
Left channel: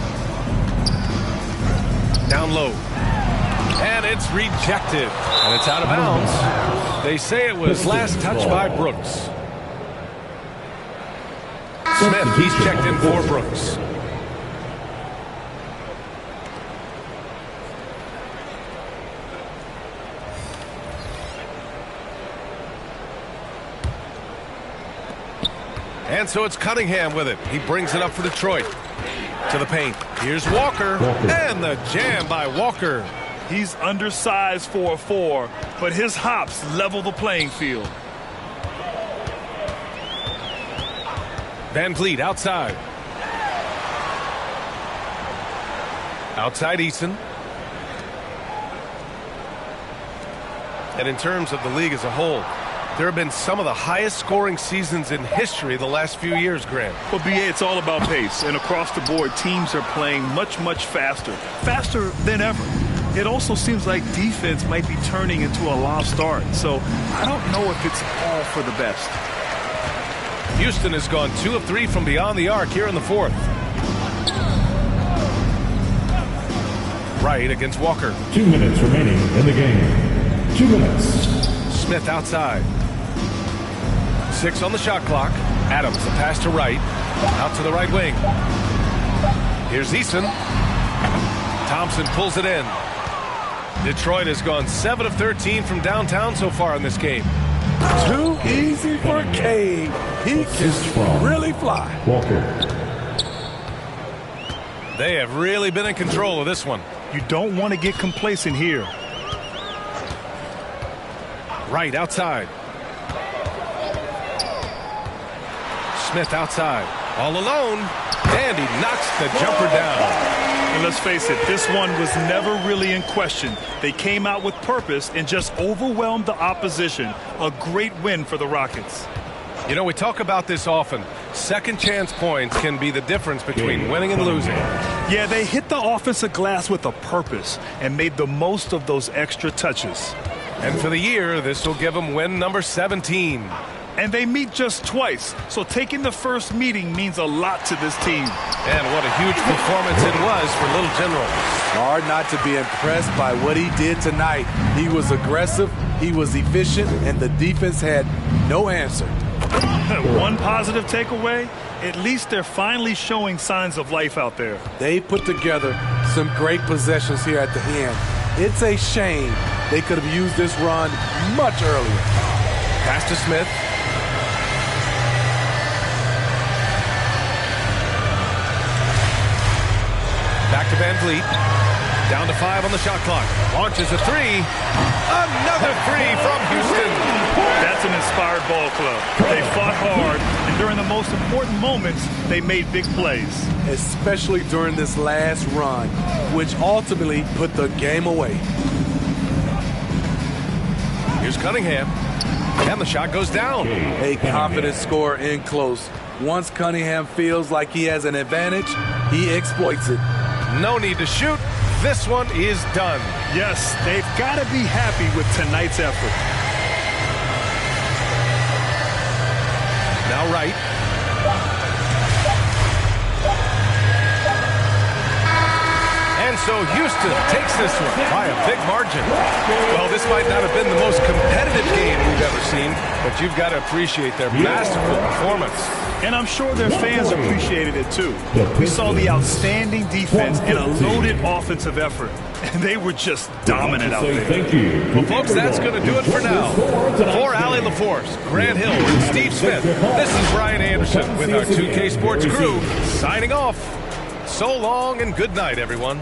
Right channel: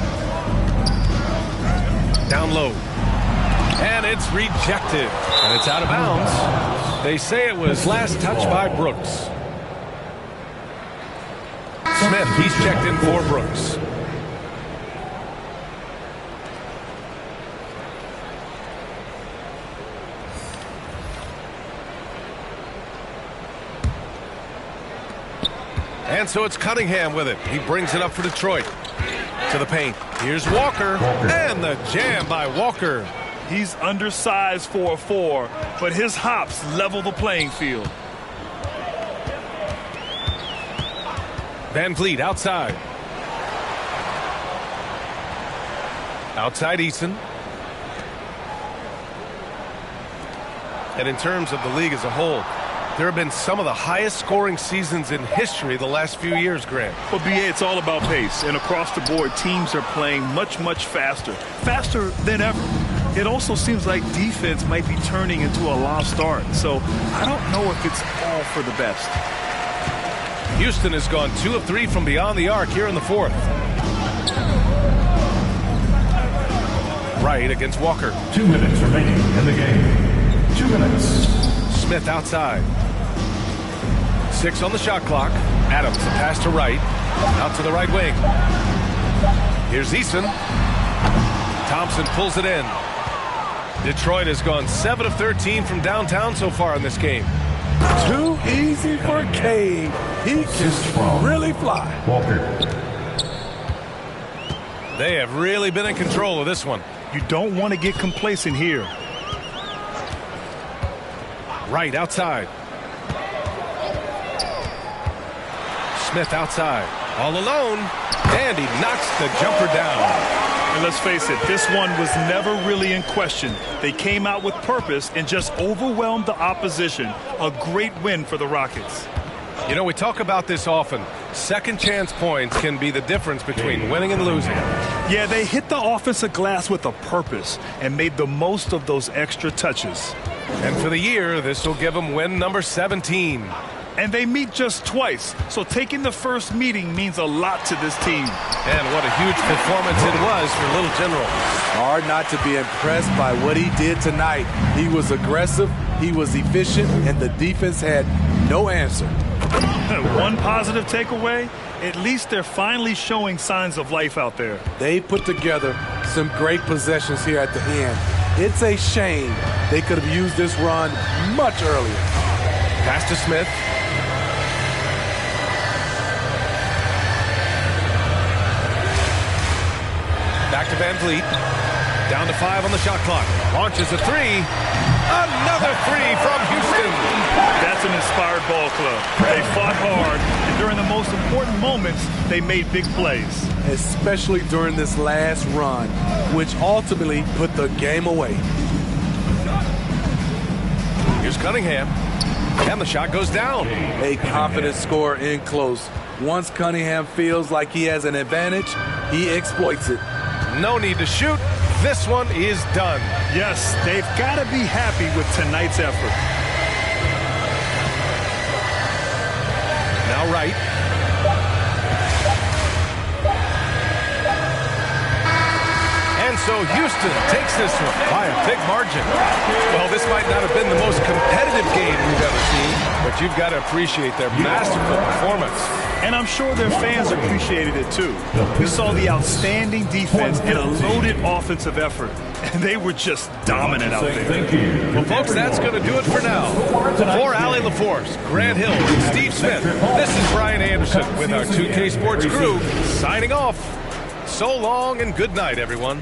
Down low. And it's rejected. And it's out of bounds. They say it was last touched by Brooks. Smith, he's checked in for Brooks. And so it's Cunningham with it. He brings it up for Detroit. To the paint. Here's Walker. And the jam by Walker. He's undersized for a 4, but his hops level the playing field. Van Vliet outside. Outside Eason. And in terms of the league as a whole, there have been some of the highest scoring seasons in history the last few years, Grant. Well, B.A., it's all about pace. And across the board, teams are playing much, much faster. Faster than ever. It also seems like defense might be turning into a lost start. So I don't know if it's all for the best. Houston has gone 2 of 3 from beyond the arc here in the fourth. Wright against Walker. 2 minutes remaining in the game. 2 minutes. Smith outside. 6 on the shot clock. Adams, the pass to Wright. Out to the right wing. Here's Eason. Thompson pulls it in. Detroit has gone 7 of 13 from downtown so far in this game. Too easy for Cade. He can really fly. Walker. They have really been in control of this one. You don't want to get complacent here. Wright outside. Smith outside. All alone. And he knocks the jumper down. And let's face it, this one was never really in question. They came out with purpose and just overwhelmed the opposition. A great win for the Rockets. You know, we talk about this often. Second chance points can be the difference between winning and losing. Yeah, they hit the offensive glass with a purpose and made the most of those extra touches. And for the year, this will give them win number 17. And they meet just twice, so taking the first meeting means a lot to this team. And what a huge performance it was for Little General. Hard not to be impressed by what he did tonight. He was aggressive, he was efficient, and the defense had no answer. One positive takeaway, at least they're finally showing signs of life out there. They put together some great possessions here at the end. It's a shame they could have used this run much earlier. Pass to Smith. Back to Van Vliet. Down to 5 on the shot clock. Launches a 3. Another 3 from Houston. That's an inspired ball club. They fought hard, and during the most important moments, they made big plays. Especially during this last run, which ultimately put the game away. Here's Cunningham. And the shot goes down. A confident scorer in close. Once Cunningham feels like he has an advantage, he exploits it. No need to shoot. This one is done. Yes, they've got to be happy with tonight's effort. Now Wright. And so Houston takes this one by a big margin. Well, this might not have been the most competitive game we've ever seen, but you've got to appreciate their masterful performance. And I'm sure their fans appreciated it too. We saw the outstanding defense and a loaded offensive effort. And they were just dominant out there. Thank you. Well, folks, that's going to do it for now. For Allie LaForce, Grant Hill, and Steve Smith, this is Brian Anderson with our 2K Sports crew signing off. So long and good night, everyone.